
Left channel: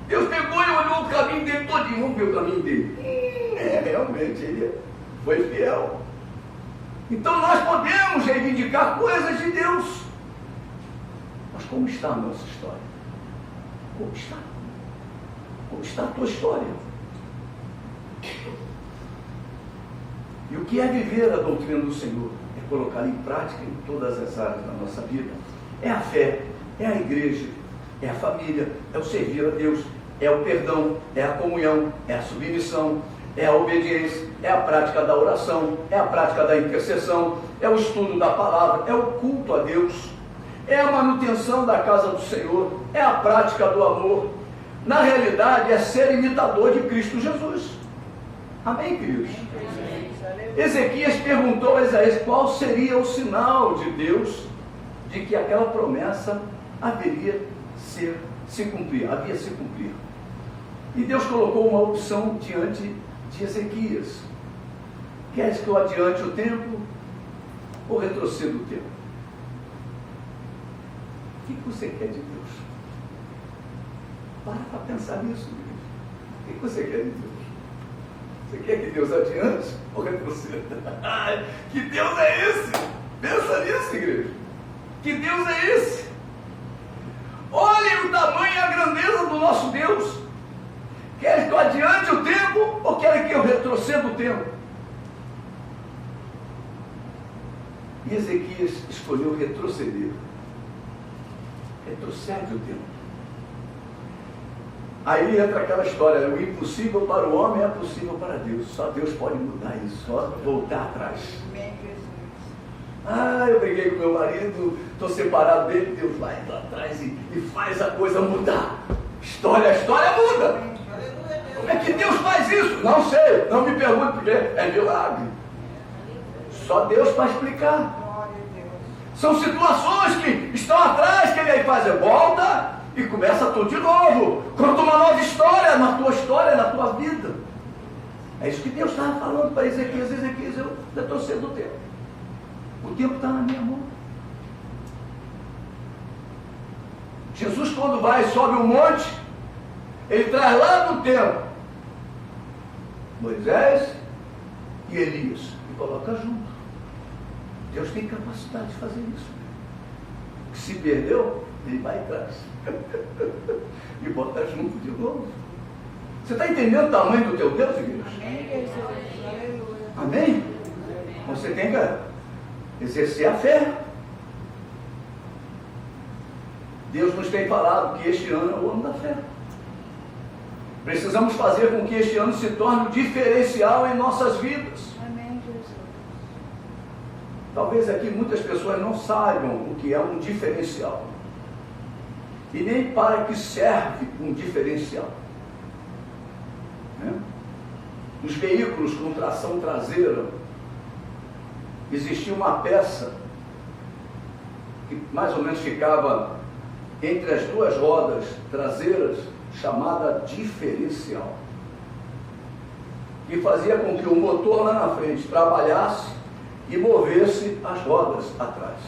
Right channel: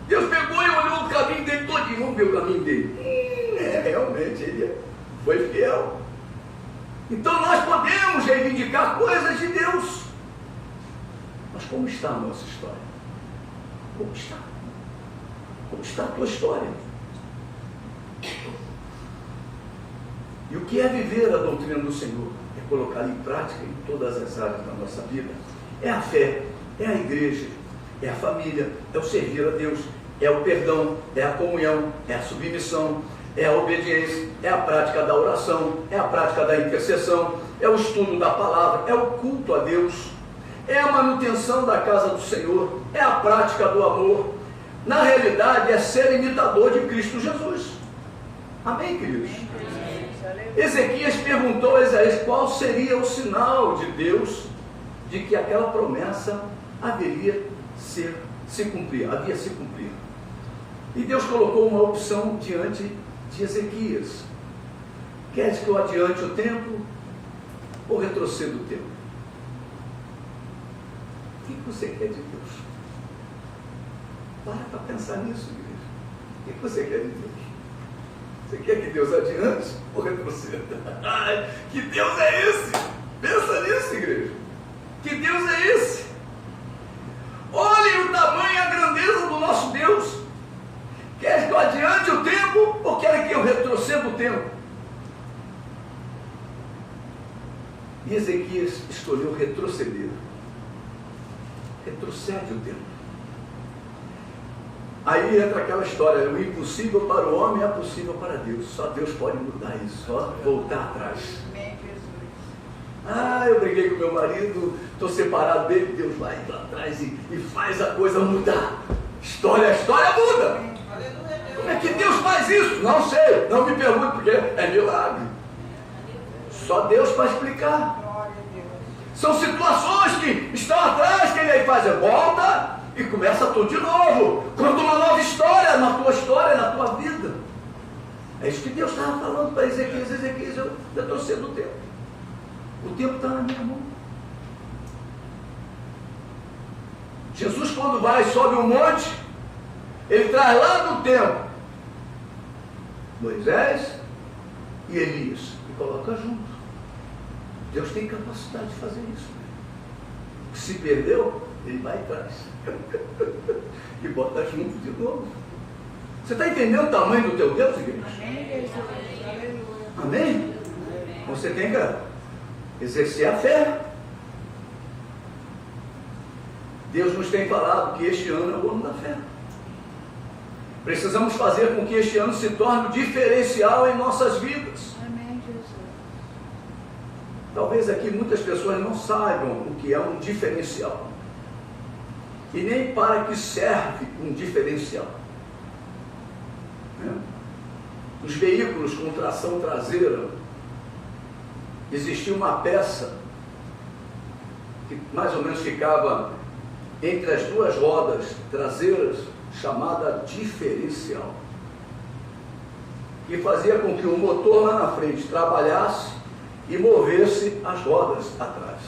Deus pegou e olhou o caminho dele todinho. Vamos ver o caminho dele. Realmente, ele foi fiel. Então nós podemos reivindicar coisas de Deus. como está a nossa história? Como está? Como está a tua história? E o que é viver a doutrina do Senhor? É colocar em prática em todas as áreas da nossa vida. É a fé, é a igreja, é a família, é o servir a Deus, é o perdão, é a comunhão, é a submissão, é a obediência, é a prática da oração, é a prática da intercessão, é o estudo da palavra, é o culto a Deus, é a manutenção da casa do Senhor, é a prática do amor. Na realidade, é ser imitador de Cristo Jesus. Amém, queridos? Ezequias perguntou a Isaías qual seria o sinal de Deus de que aquela promessa haveria se cumprir, havia se cumprir. E Deus colocou uma opção diante de Ezequias. Queres que eu adiante o tempo ou retroceda o tempo? O que você quer de Deus? Para pensar nisso, igreja. O que você quer de Deus? Você quer que Deus adiante ou retroceda? Que Deus é esse? Pensa nisso, igreja. Que Deus é esse? Olhem o tamanho e a grandeza do nosso Deus. Quer que eu adiante o tempo ou quer que eu retroceda o tempo? E Ezequias escolheu retroceder. Retrocede o tempo. Aí entra aquela história, o impossível para o homem é possível para Deus. Só Deus pode mudar isso, só voltar atrás. Eu briguei com meu marido, estou separado dele, Deus vai lá atrás e faz a coisa mudar. A história muda. Como é que Deus faz isso? Não sei, não me pergunte porque é milagre. Só Deus para explicar. São situações que estão atrás que ele faz, volta e começa tudo de novo. Conta uma nova história na tua vida. É isso que Deus estava falando para Ezequias. Ezequias, eu retrocedo o tempo. O tempo está na minha mão. Jesus, quando vai e sobe um monte, ele traz lá no tempo Moisés e Elias e coloca junto. Deus tem capacidade de fazer isso. Se perdeu, ele vai atrás e bota junto de novo. Você está entendendo o tamanho do teu Deus, igreja? Amém, Jesus. Aleluia. Amém? Você tem que exercer a fé. Deus nos tem falado que este ano é o ano da fé. Precisamos fazer com que este ano se torne um diferencial em nossas vidas. Amém, Jesus. Talvez aqui muitas pessoas não saibam o que é um diferencial. E nem para que serve um diferencial. Né? Os veículos com tração traseira, existia uma peça que mais ou menos ficava entre as duas rodas traseiras, chamada diferencial, que fazia com que o motor lá na frente trabalhasse e movesse as rodas atrás.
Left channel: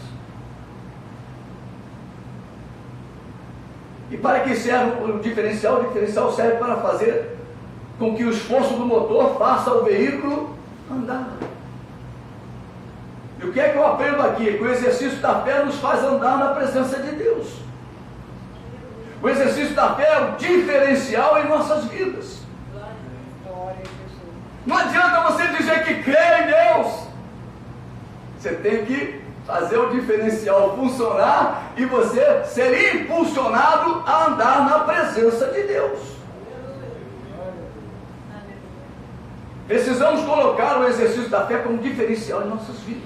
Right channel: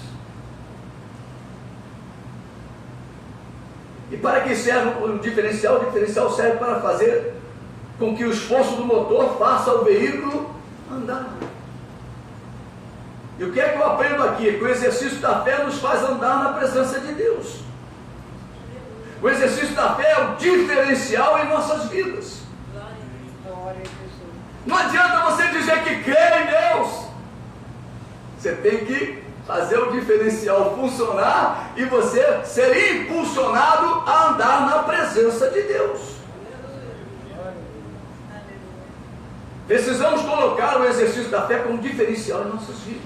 E para que serve o diferencial? O diferencial serve para fazer com que o esforço do motor faça o veículo andar. E o que é que eu aprendo aqui? Que o exercício da fé nos faz andar na presença de Deus. O exercício da fé é o diferencial em nossas vidas. Glória a Jesus. Não adianta você dizer que crê em Deus. Você tem que fazer o diferencial funcionar e você ser impulsionado a andar na presença de Deus. Precisamos colocar o exercício da fé como diferencial em nossas vidas.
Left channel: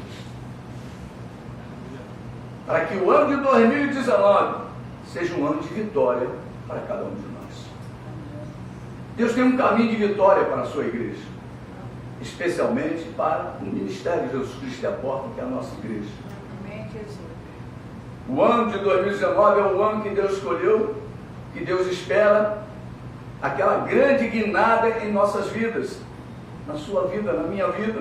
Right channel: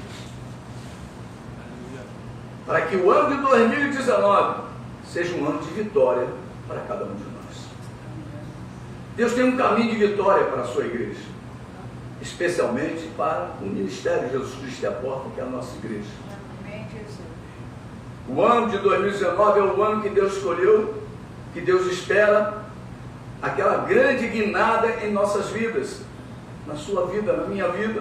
Para que o ano de 2019 seja um ano de vitória para cada um de nós. Deus tem um caminho de vitória para a sua igreja, especialmente para o ministério de Jesus Cristo e a porta, que é a nossa igreja. Amém, Jesus. O ano de 2019 é o ano que Deus escolheu, que Deus espera aquela grande guinada em nossas vidas, na sua vida, na minha vida,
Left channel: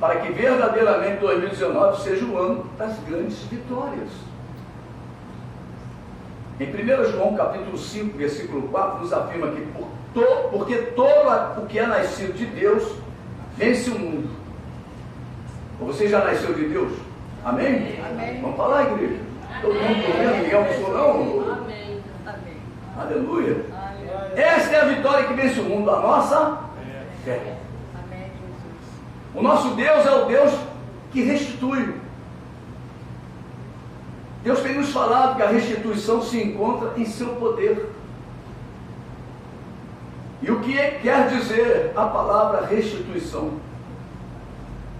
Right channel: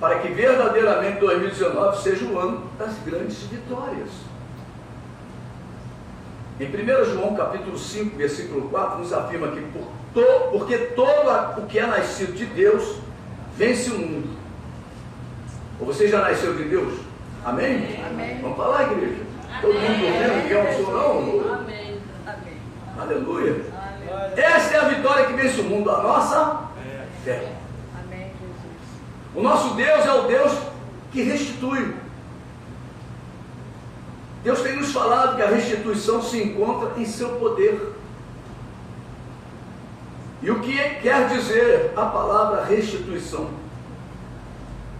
para que verdadeiramente 2019 seja o ano das grandes vitórias. Em 1 João capítulo 5, versículo 4, nos afirma que porque todo o que é nascido de Deus vence o mundo. Você já nasceu de Deus? Amém? Amém. Vamos falar, igreja? Todo mundo dormindo, ninguém almoçou não? Amém. Amém. Aleluia. Aleluia. Esta é a vitória que vence o mundo, a nossa fé. Amém, Jesus. O nosso Deus é o Deus que restitui. Deus tem nos falado que a restituição se encontra em seu poder. E o que quer dizer a palavra restituição?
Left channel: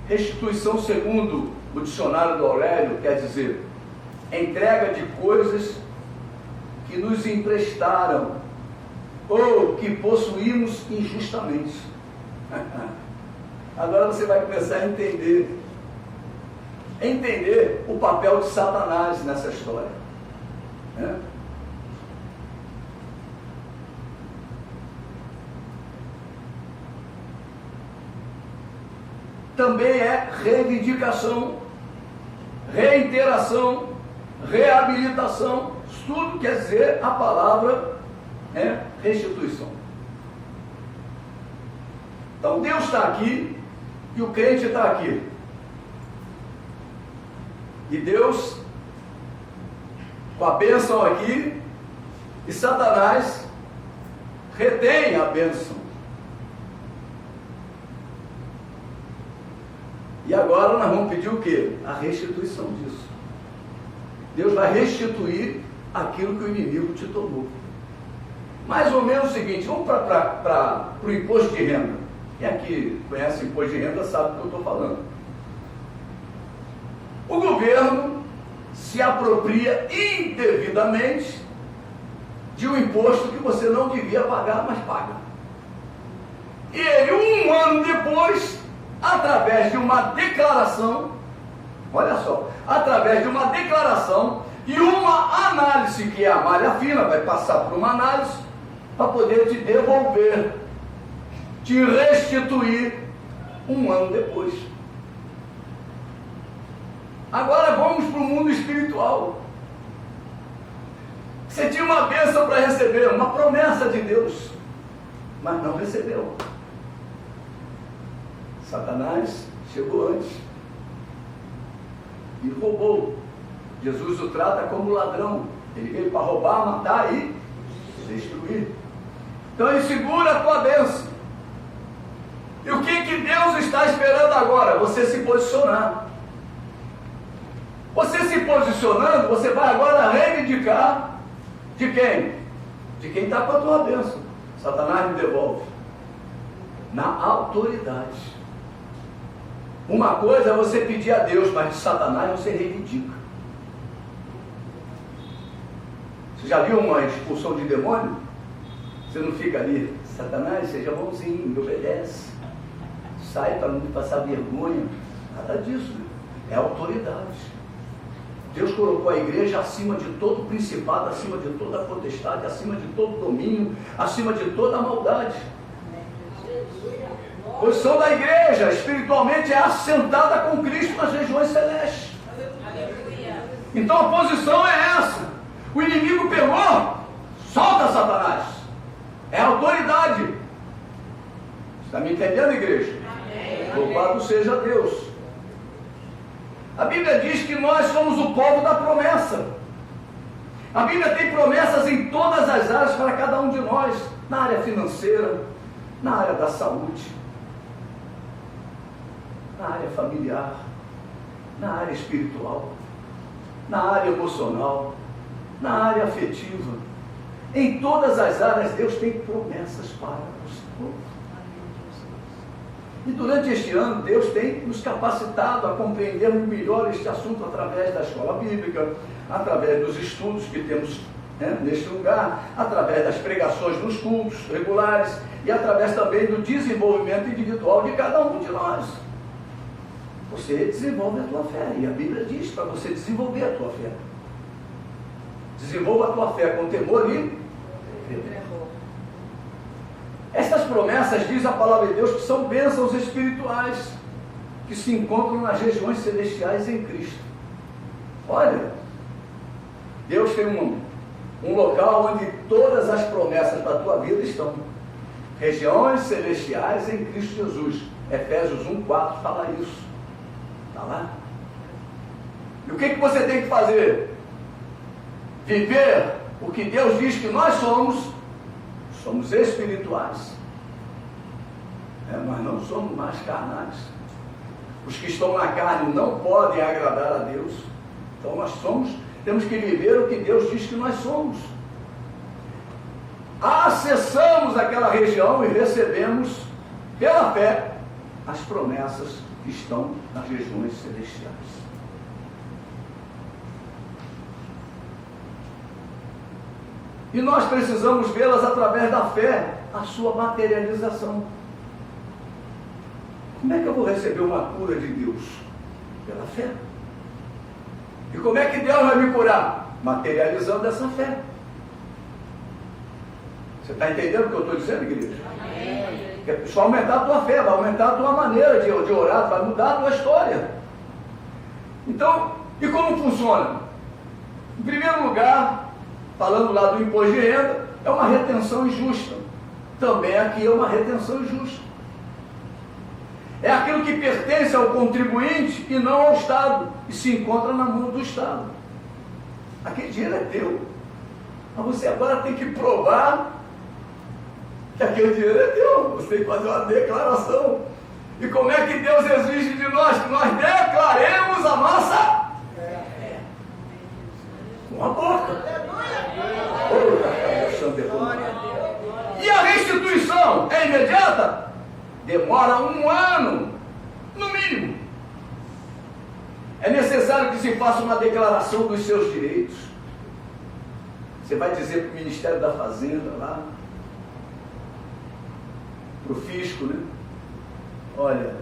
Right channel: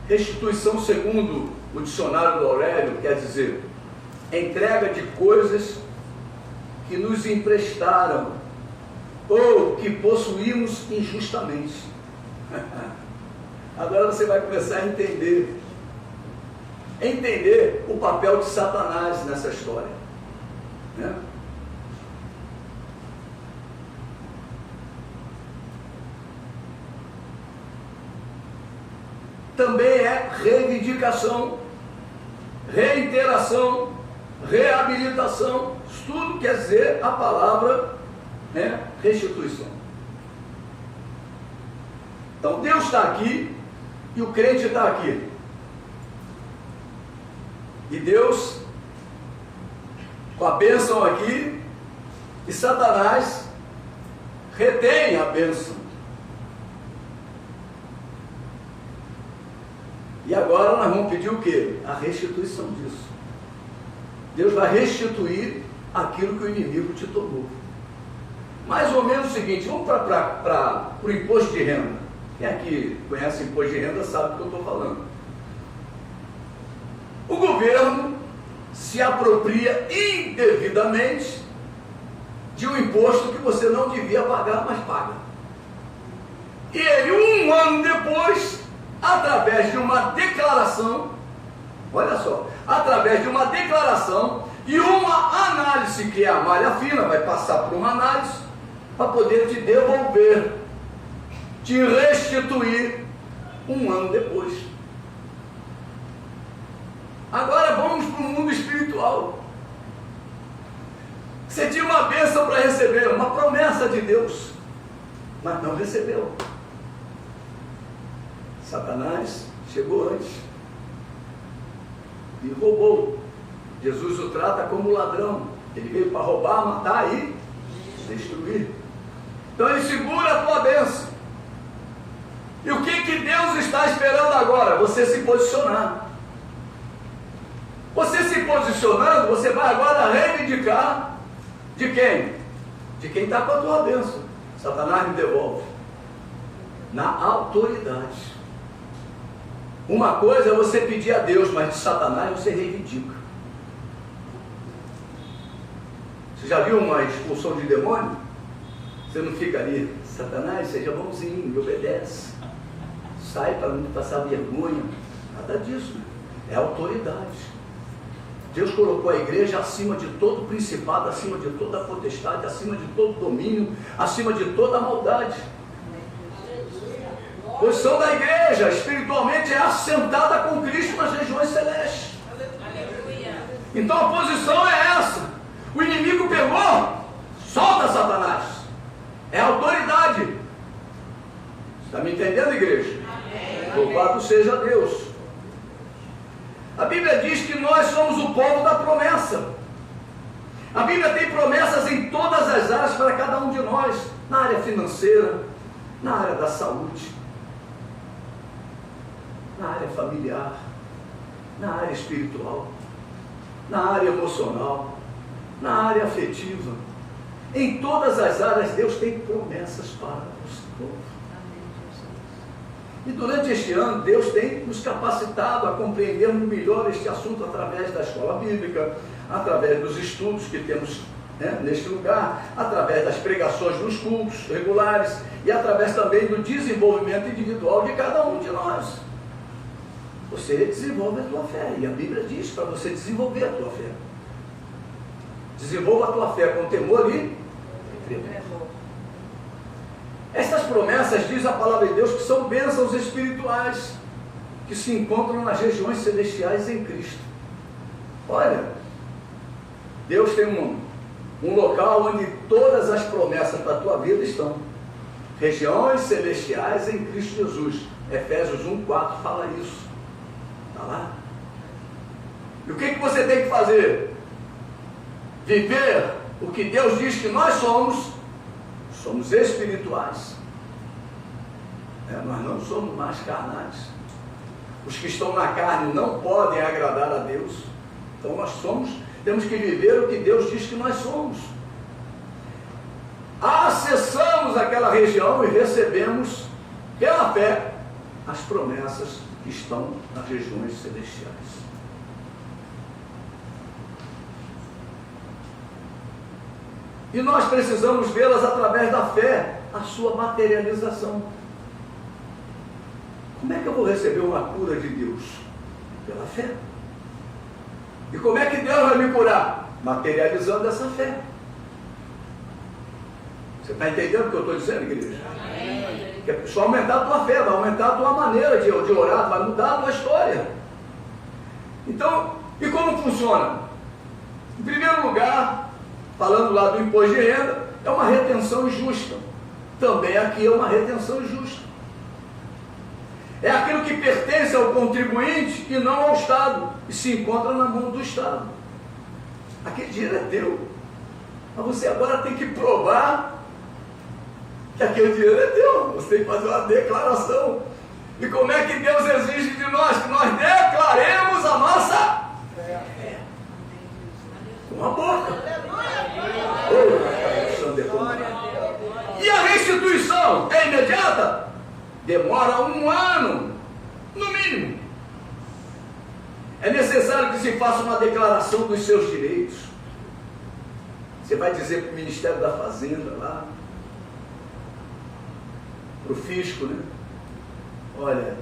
Restituição, segundo o dicionário do Aurélio, quer dizer entrega de coisas que nos emprestaram ou que possuímos injustamente. Agora você vai começar a entender o papel de Satanás nessa história, né? Também é reivindicação, reiteração, reabilitação. Isso tudo quer dizer a palavra, né, restituição. Então Deus está aqui e o crente está aqui. E Deus com a bênção aqui, e Satanás retém a bênção. E agora nós vamos pedir o quê? A restituição disso. Deus vai restituir aquilo que o inimigo te tomou. Mais ou menos o seguinte, vamos para o imposto de renda. Quem aqui conhece imposto de renda sabe do que eu estou falando. O governo se apropria indevidamente de um imposto que você não devia pagar, mas paga. E ele, um ano depois, através de uma declaração, olha só, através de uma declaração e uma análise, que é a malha fina, vai passar por uma análise, para poder te devolver, te restituir um ano depois. Agora vamos para o mundo espiritual. Você tinha uma bênção para receber, uma promessa de Deus, mas não recebeu. Satanás chegou antes e roubou. Jesus o trata como ladrão. Ele veio para roubar, matar e destruir. Então ele segura a tua bênção. E o que Deus está esperando agora? Você se posicionar. Você se posicionando, você vai agora reivindicar de quem? De quem está com a tua bênção. Satanás me devolve. Na autoridade. Uma coisa é você pedir a Deus, mas de Satanás você reivindica. Você já viu uma expulsão de demônio? Você não fica ali, Satanás, seja bonzinho, me obedece. Sai para não passar vergonha. Nada disso. É autoridade. Deus colocou a igreja acima de todo principado, acima de toda potestade, acima de todo domínio, acima de toda maldade. A posição da igreja espiritualmente é assentada com Cristo nas regiões celestes. Então a posição é essa. O inimigo pegou, solta Satanás. É autoridade. Está me entendendo, igreja? Louvado seja Deus. A Bíblia diz que nós somos o povo da promessa. A Bíblia tem promessas em todas as áreas para cada um de nós. Na área financeira, na área da saúde, na área familiar, na área espiritual, na área emocional, na área afetiva. Em todas as áreas Deus tem promessas para o seu povo. E durante este ano Deus tem nos capacitado a compreendermos melhor este assunto através da escola bíblica, através dos estudos que temos, né, neste lugar, através das pregações nos cultos regulares e através também do desenvolvimento individual de cada um de nós. Você desenvolve a tua fé, e a Bíblia diz para você desenvolver a tua fé. Desenvolva a tua fé com temor e tremor. Essas promessas, diz a palavra de Deus, que são bênçãos espirituais que se encontram nas regiões celestiais em Cristo. Olha, Deus tem um local onde todas as promessas para a tua vida estão. Regiões celestiais em Cristo Jesus. Efésios 1:4 fala isso. Está lá. E o que você tem que fazer? viver o que Deus diz que nós somos espirituais. Nós não somos mais carnais. Os que estão na carne não podem agradar a Deus. Então nós temos que viver o que Deus diz que nós somos. Acessamos aquela região e recebemos, pela fé, as promessas que estão nas regiões celestiais. E nós precisamos vê-las através da fé, a sua materialização. Como é que eu vou receber uma cura de Deus? Pela fé. E como é que Deus vai me curar? Materializando essa fé. Você está entendendo o que eu estou dizendo, igreja? Que é só aumentar a tua fé, vai aumentar a tua maneira de orar, vai mudar a tua história. Então, e como funciona? Em primeiro lugar, falando lá do imposto de renda, é uma retenção injusta. Também aqui é uma retenção injusta. É aquilo que pertence ao contribuinte e não ao Estado, e se encontra na mão do Estado. Aquele dinheiro é teu. Mas você agora tem que provar que aquele dinheiro é teu. Você tem que fazer uma declaração. E como é que Deus exige de nós? Que nós declaremos a nossa fé. Com a boca. E a restituição é imediata? Demora 1 ano, no mínimo. É necessário que se faça uma declaração dos seus direitos. Você vai dizer para o Ministério da Fazenda lá, para o fisco, né? Olha,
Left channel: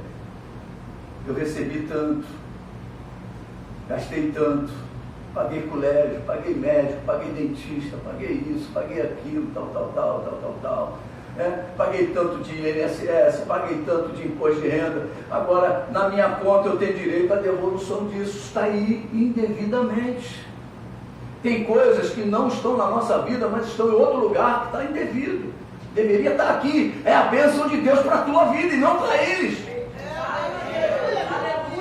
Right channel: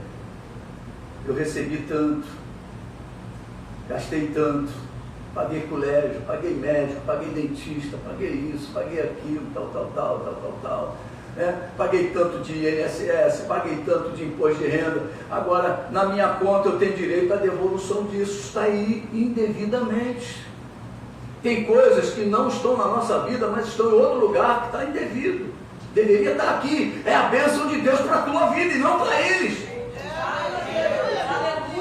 eu recebi tanto, gastei tanto, paguei colégio, paguei médico, paguei dentista, paguei isso, paguei aquilo, tal. Paguei tanto de INSS, paguei tanto de imposto de renda, agora na minha conta eu tenho direito à devolução disso. Está aí indevidamente. Tem coisas que não estão na nossa vida, mas estão em outro lugar que está indevido. Deveria estar aqui. É a bênção de Deus para a tua vida e não para eles.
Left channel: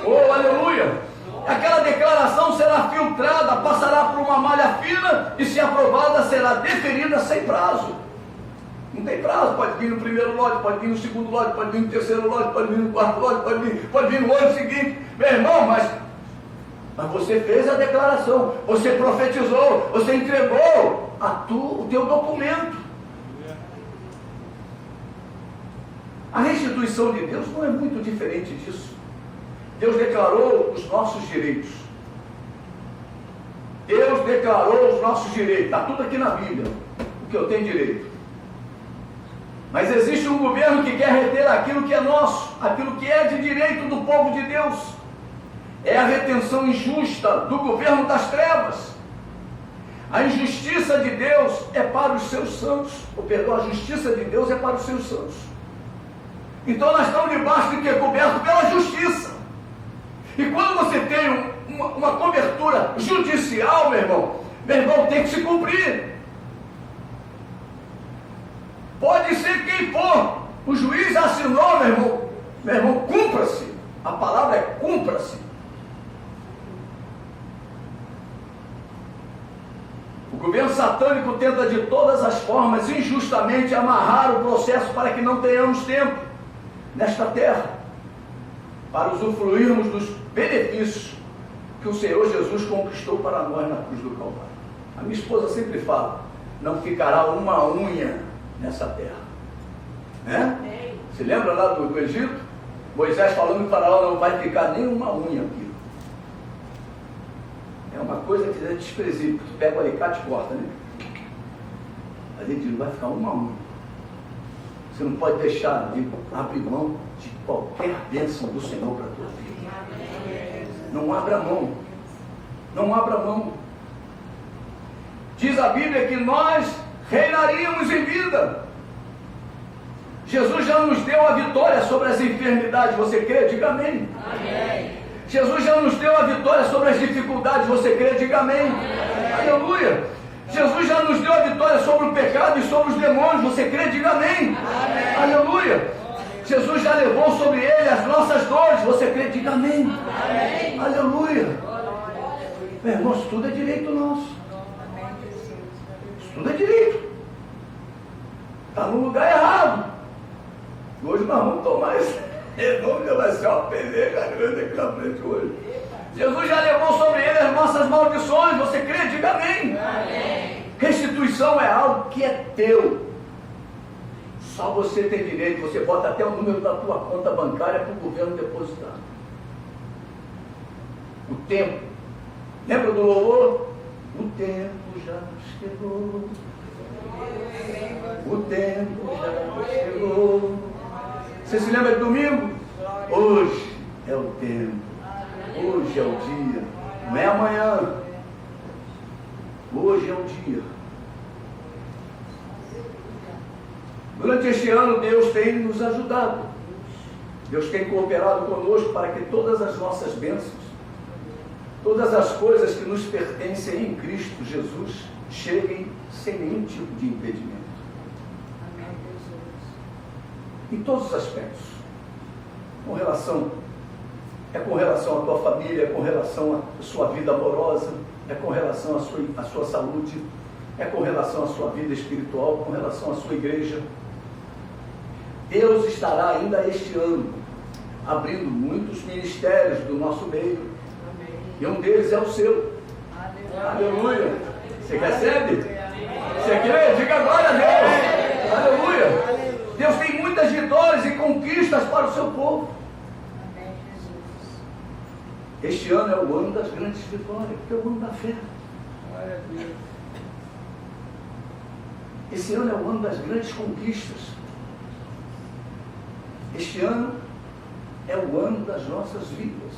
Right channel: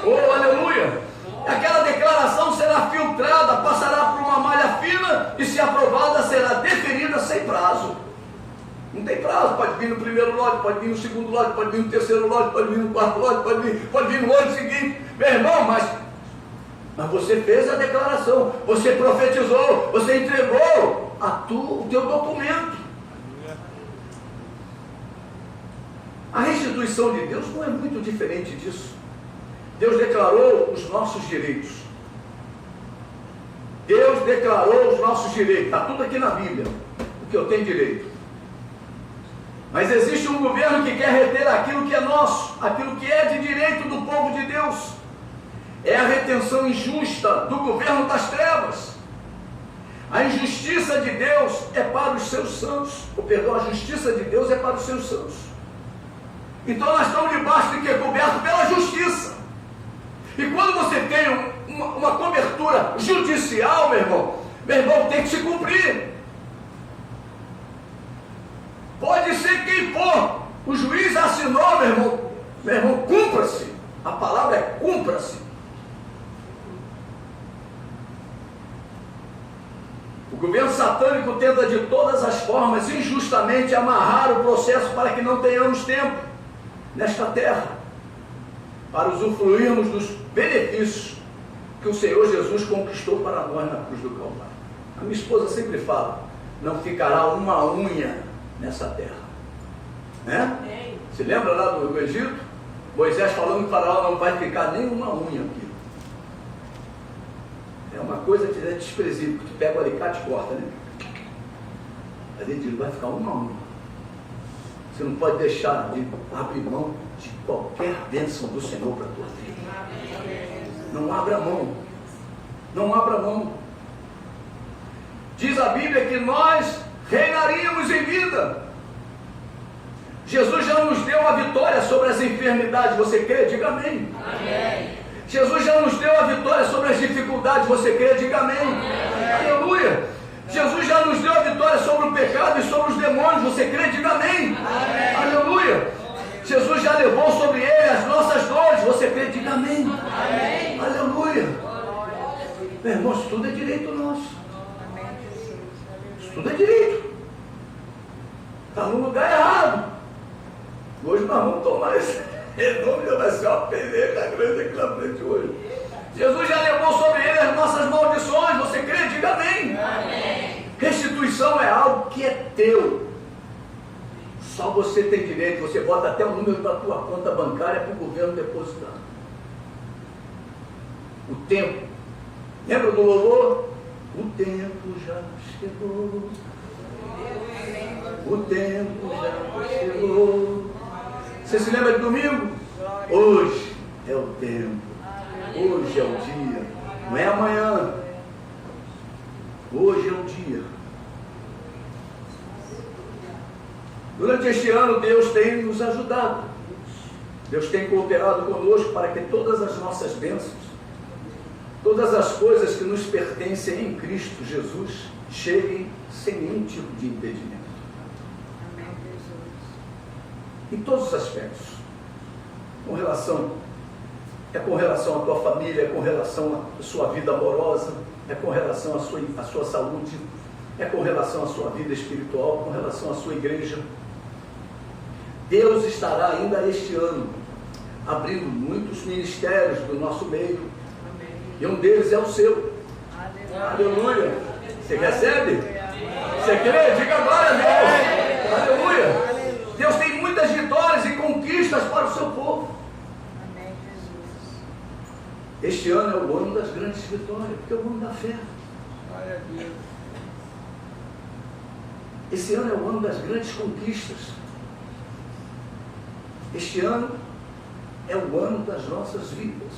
Oh, aleluia! Aquela declaração será filtrada, passará por uma malha fina e, se aprovada, será deferida sem prazo. Não tem prazo, pode vir no primeiro lote, pode vir no segundo lote, pode vir no terceiro lote, pode vir no quarto lote, pode vir no ano seguinte. Meu irmão, mas você fez a declaração, você profetizou, você entregou o teu documento. A restituição de Deus não é muito diferente disso. Deus declarou os nossos direitos. Deus declarou os nossos direitos. Está tudo aqui na Bíblia, o que eu tenho direito. Mas existe um governo que quer reter aquilo que é nosso, aquilo que é de direito do povo de Deus. É a retenção injusta do governo das trevas. A injustiça de Deus é para os seus santos. A justiça de Deus é para os seus santos. Então nós estamos debaixo de que? Coberto pela justiça. E quando você tem uma cobertura judicial, meu irmão tem que se cumprir. Pode ser quem for, o juiz assinou, meu irmão, cumpra-se. A palavra é cumpra-se. O governo satânico tenta de todas as formas, injustamente, amarrar o processo para que não tenhamos tempo nesta terra, para usufruirmos dos benefícios que o Senhor Jesus conquistou para nós na cruz do Calvário. A minha esposa sempre fala, não ficará uma unha nessa terra, né? Se lembra lá do Egito? Moisés falando que Faraó não vai ficar nem uma unha aqui. É uma coisa que é desprezível, tu pega o alicate e corta, né? A gente não vai ficar uma unha. Você não pode deixar de abrir mão de qualquer bênção do Senhor para a tua vida. Não abra mão. Não abra mão. Diz a Bíblia que nós reinaríamos em vida. Jesus já nos deu a vitória sobre as enfermidades. Você crê? Diga amém. Amém. Jesus já nos deu a vitória sobre as dificuldades. Você crê? Diga amém. Amém. Aleluia. Jesus já nos deu a vitória sobre o pecado e sobre os demônios. Você crê? Diga amém. Amém. Aleluia. Jesus já levou sobre ele as nossas dores. Você crê? Diga amém. Amém. Aleluia. Meu irmão, isso tudo é direito nosso. Estuda direito. Está no lugar errado. Hoje nós vamos tomar esse renome, vai ser uma peleja grande aqui na frente hoje. Jesus já levou sobre ele as nossas maldições. Você crê? Diga amém. Amém. Restituição é algo que é teu. Só você tem direito. Você bota até o número da tua conta bancária para o governo depositar. O tempo. Lembra do louvor? O tempo já chegou. O tempo já chegou. Você se lembra de domingo? Hoje é o tempo. Hoje é o dia. Não é amanhã. Hoje é o dia. Durante este ano, Deus tem nos ajudado. Deus tem cooperado conosco para que todas as nossas bênçãos, todas as coisas que nos pertencem em Cristo Jesus, cheguem sem nenhum tipo de impedimento. Amém, Jesus. Em todos os aspectos. Com relação à tua família, é com relação à sua vida amorosa, é com relação à sua saúde, é com relação à sua vida espiritual, com relação à sua igreja. Deus estará ainda este ano abrindo muitos ministérios do nosso meio. Amém. E um deles é o seu. Aleluia. Aleluia. Você recebe? Você crê? Diga glória a Deus. Aleluia. Deus tem muitas vitórias e conquistas para o seu povo. Amém, Jesus. Este ano é o ano das grandes vitórias, porque é o ano da fé. Glória a Deus. Esse ano é o ano das grandes conquistas. Este ano é o ano das nossas vidas.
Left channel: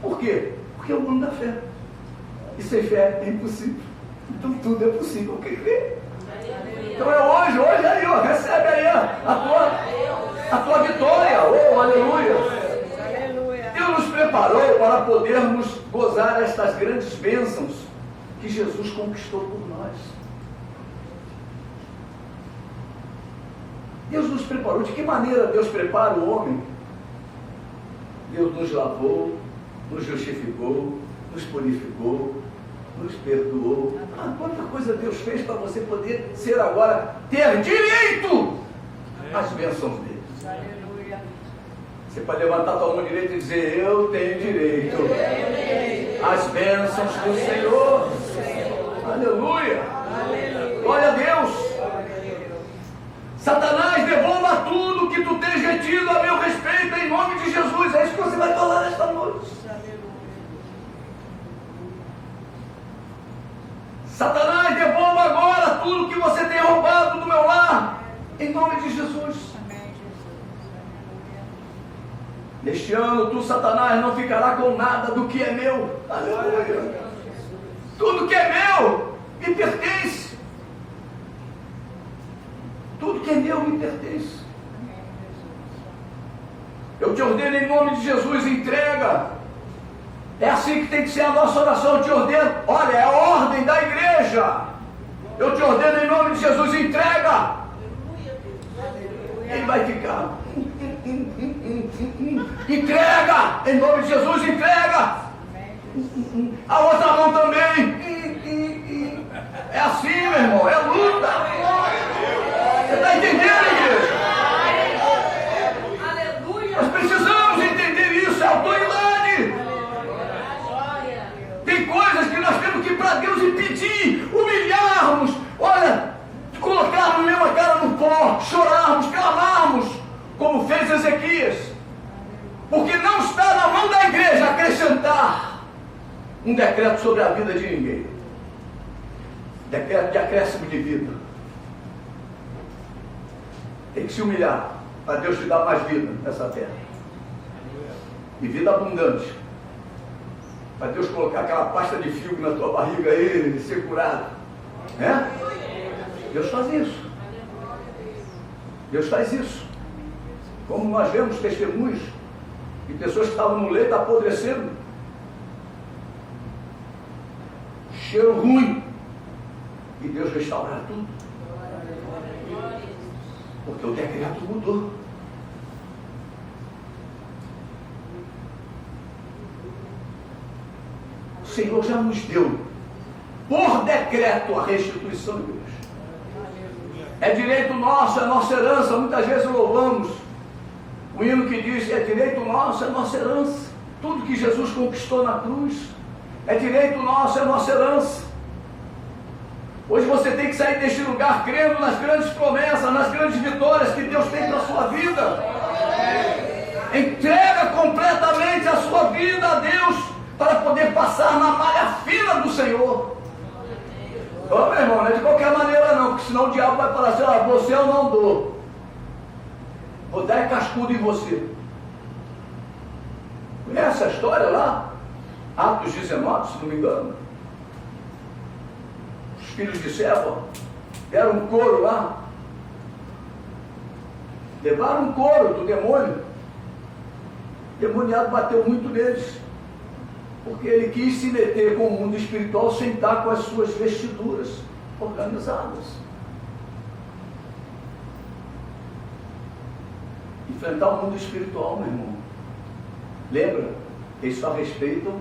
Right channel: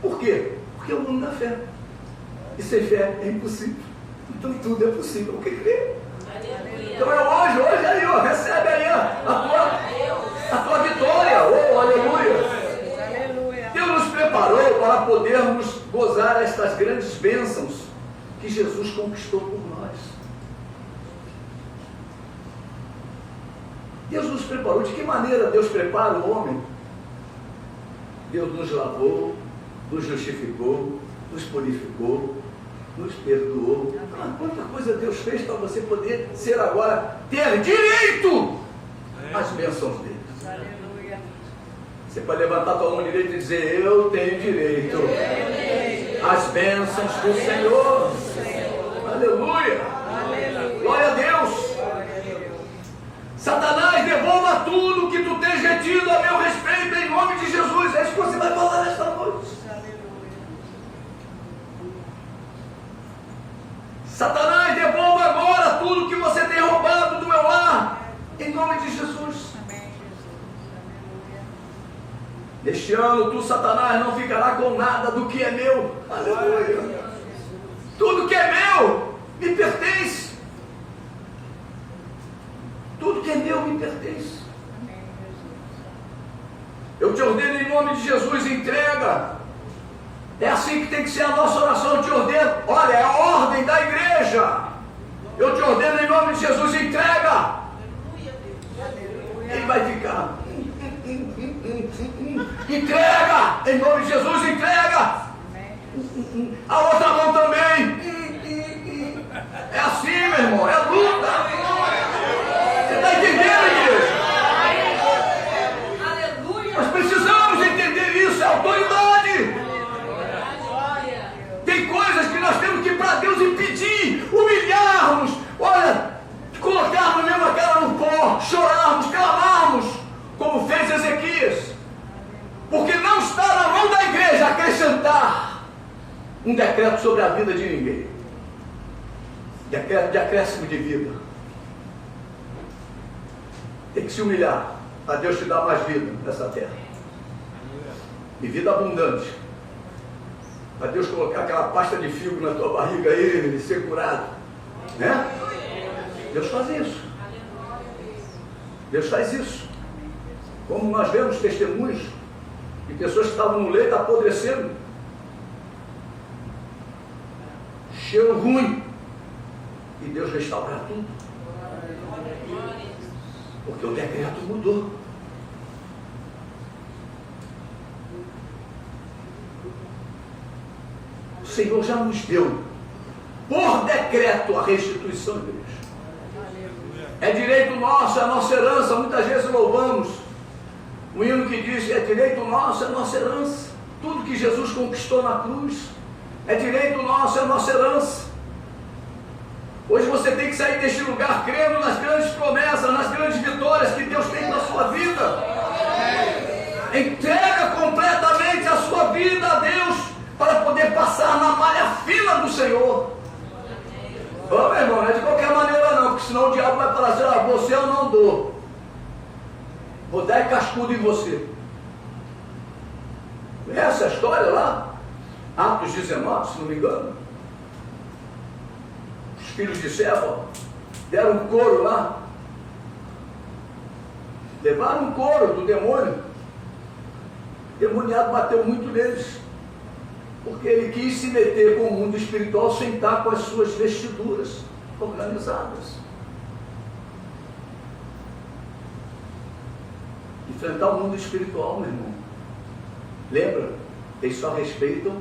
Por quê? Porque é o ano da fé. E sem fé é impossível. Então tudo é possível. O que crê? Então é hoje aí, ó, recebe aí a tua vitória. Oh, aleluia. Aleluia. Deus nos preparou para podermos gozar estas grandes bênçãos que Jesus conquistou por nós. Deus nos preparou. De que maneira Deus prepara o homem? Deus nos lavou, nos justificou, nos purificou, nos perdoou. Ah, quanta coisa Deus fez para você poder ser agora, ter direito às bênçãos dele. Aleluia. Você pode levantar a tua mão direita e dizer: eu tenho direito às bênçãos do Senhor. Aleluia. Aleluia. Glória a Deus. Glória a Deus. Satanás, devolva tudo que tu tens retido a meu respeito, em nome de Jesus. É isso que você vai falar nesta noite. Aleluia. Satanás, devolva agora tudo que você tem roubado do meu lar, em nome de Jesus. Amém, Jesus. Aleluia. Neste ano, tu, Satanás, não ficará com nada do que é meu. Aleluia. Tudo que é meu me pertence. Tudo que é meu me pertence. Amém, Jesus. Eu te ordeno em nome de Jesus, entrega. É assim que tem que ser a nossa oração. Eu te ordeno, olha, é a ordem da igreja. Eu te ordeno em nome de Jesus, entrega. Aleluia. Ele vai ficar. Entrega, em nome de Jesus, entrega. Amém. A outra mão também. É assim, meu irmão, é luta. Você está entendendo, igreja? Nós precisamos entender isso, é autoridade. Tem coisas que nós temos que ir para Deus e pedir, humilharmos, olha, colocarmos mesmo a cara no pó, chorarmos, clamarmos, como fez Ezequias. Porque não está na mão da igreja acrescentar um decreto sobre a vida de ninguém. Decreto de acréscimo de vida. Tem que se humilhar para Deus te dar mais vida nessa terra. E vida abundante. Para Deus colocar aquela pasta de figo na tua barriga aí e ser curado. Né? Deus faz isso. Deus faz isso. Como nós vemos testemunhos de pessoas que estavam no leito apodrecendo. Cheiro ruim. E Deus restaura tudo. Porque o decreto mudou. O Senhor já nos deu, por decreto, decreto a restituição, igreja. É direito nosso, é nossa herança. Muitas vezes louvamos o hino que diz que é direito nosso, é nossa herança. Tudo que Jesus conquistou na cruz é direito nosso, é nossa herança. Hoje você tem que sair deste lugar crendo nas grandes promessas, nas grandes vitórias que Deus tem na sua vida. Entrega completamente a sua vida a Deus para poder passar na malha fina do Senhor. Ô meu irmão, não é de qualquer maneira não, porque senão o diabo vai falar assim: ah, você eu não dou. Vou dar cascudo em você. Conhece a história lá? Atos 19, se não me engano. Os filhos de Seva deram um couro lá. Levaram um couro do demônio. O demoniado bateu muito neles. Porque ele quis se meter com o mundo espiritual sem estar com as suas vestiduras organizadas. Enfrentar o mundo espiritual, meu irmão. Lembra? Eles só respeitam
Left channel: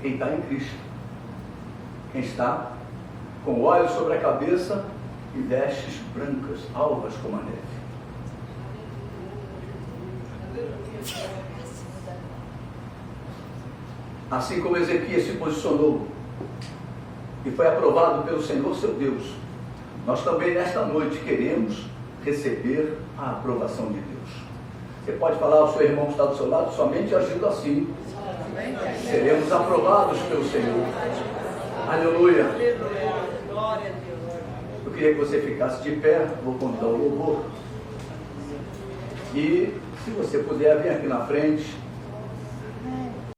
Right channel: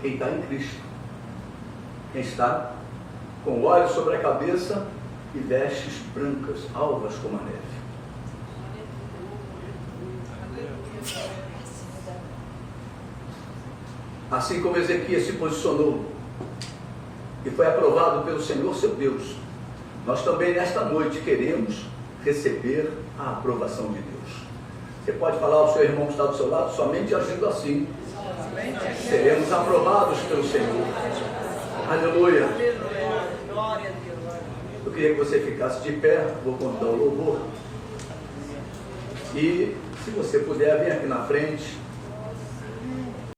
quem está em Cristo. Quem está com óleo sobre a cabeça e vestes brancas, alvas como a neve. Assim como Ezequias se posicionou e foi aprovado pelo Senhor seu Deus, nós também nesta noite queremos receber a aprovação de Deus. Você pode falar ao seu irmão que está do seu lado: somente agindo assim seremos aprovados pelo Senhor. Aleluia. Glória a Deus. Eu queria que você ficasse de pé, vou contar o louvor. E se você puder vir aqui na frente,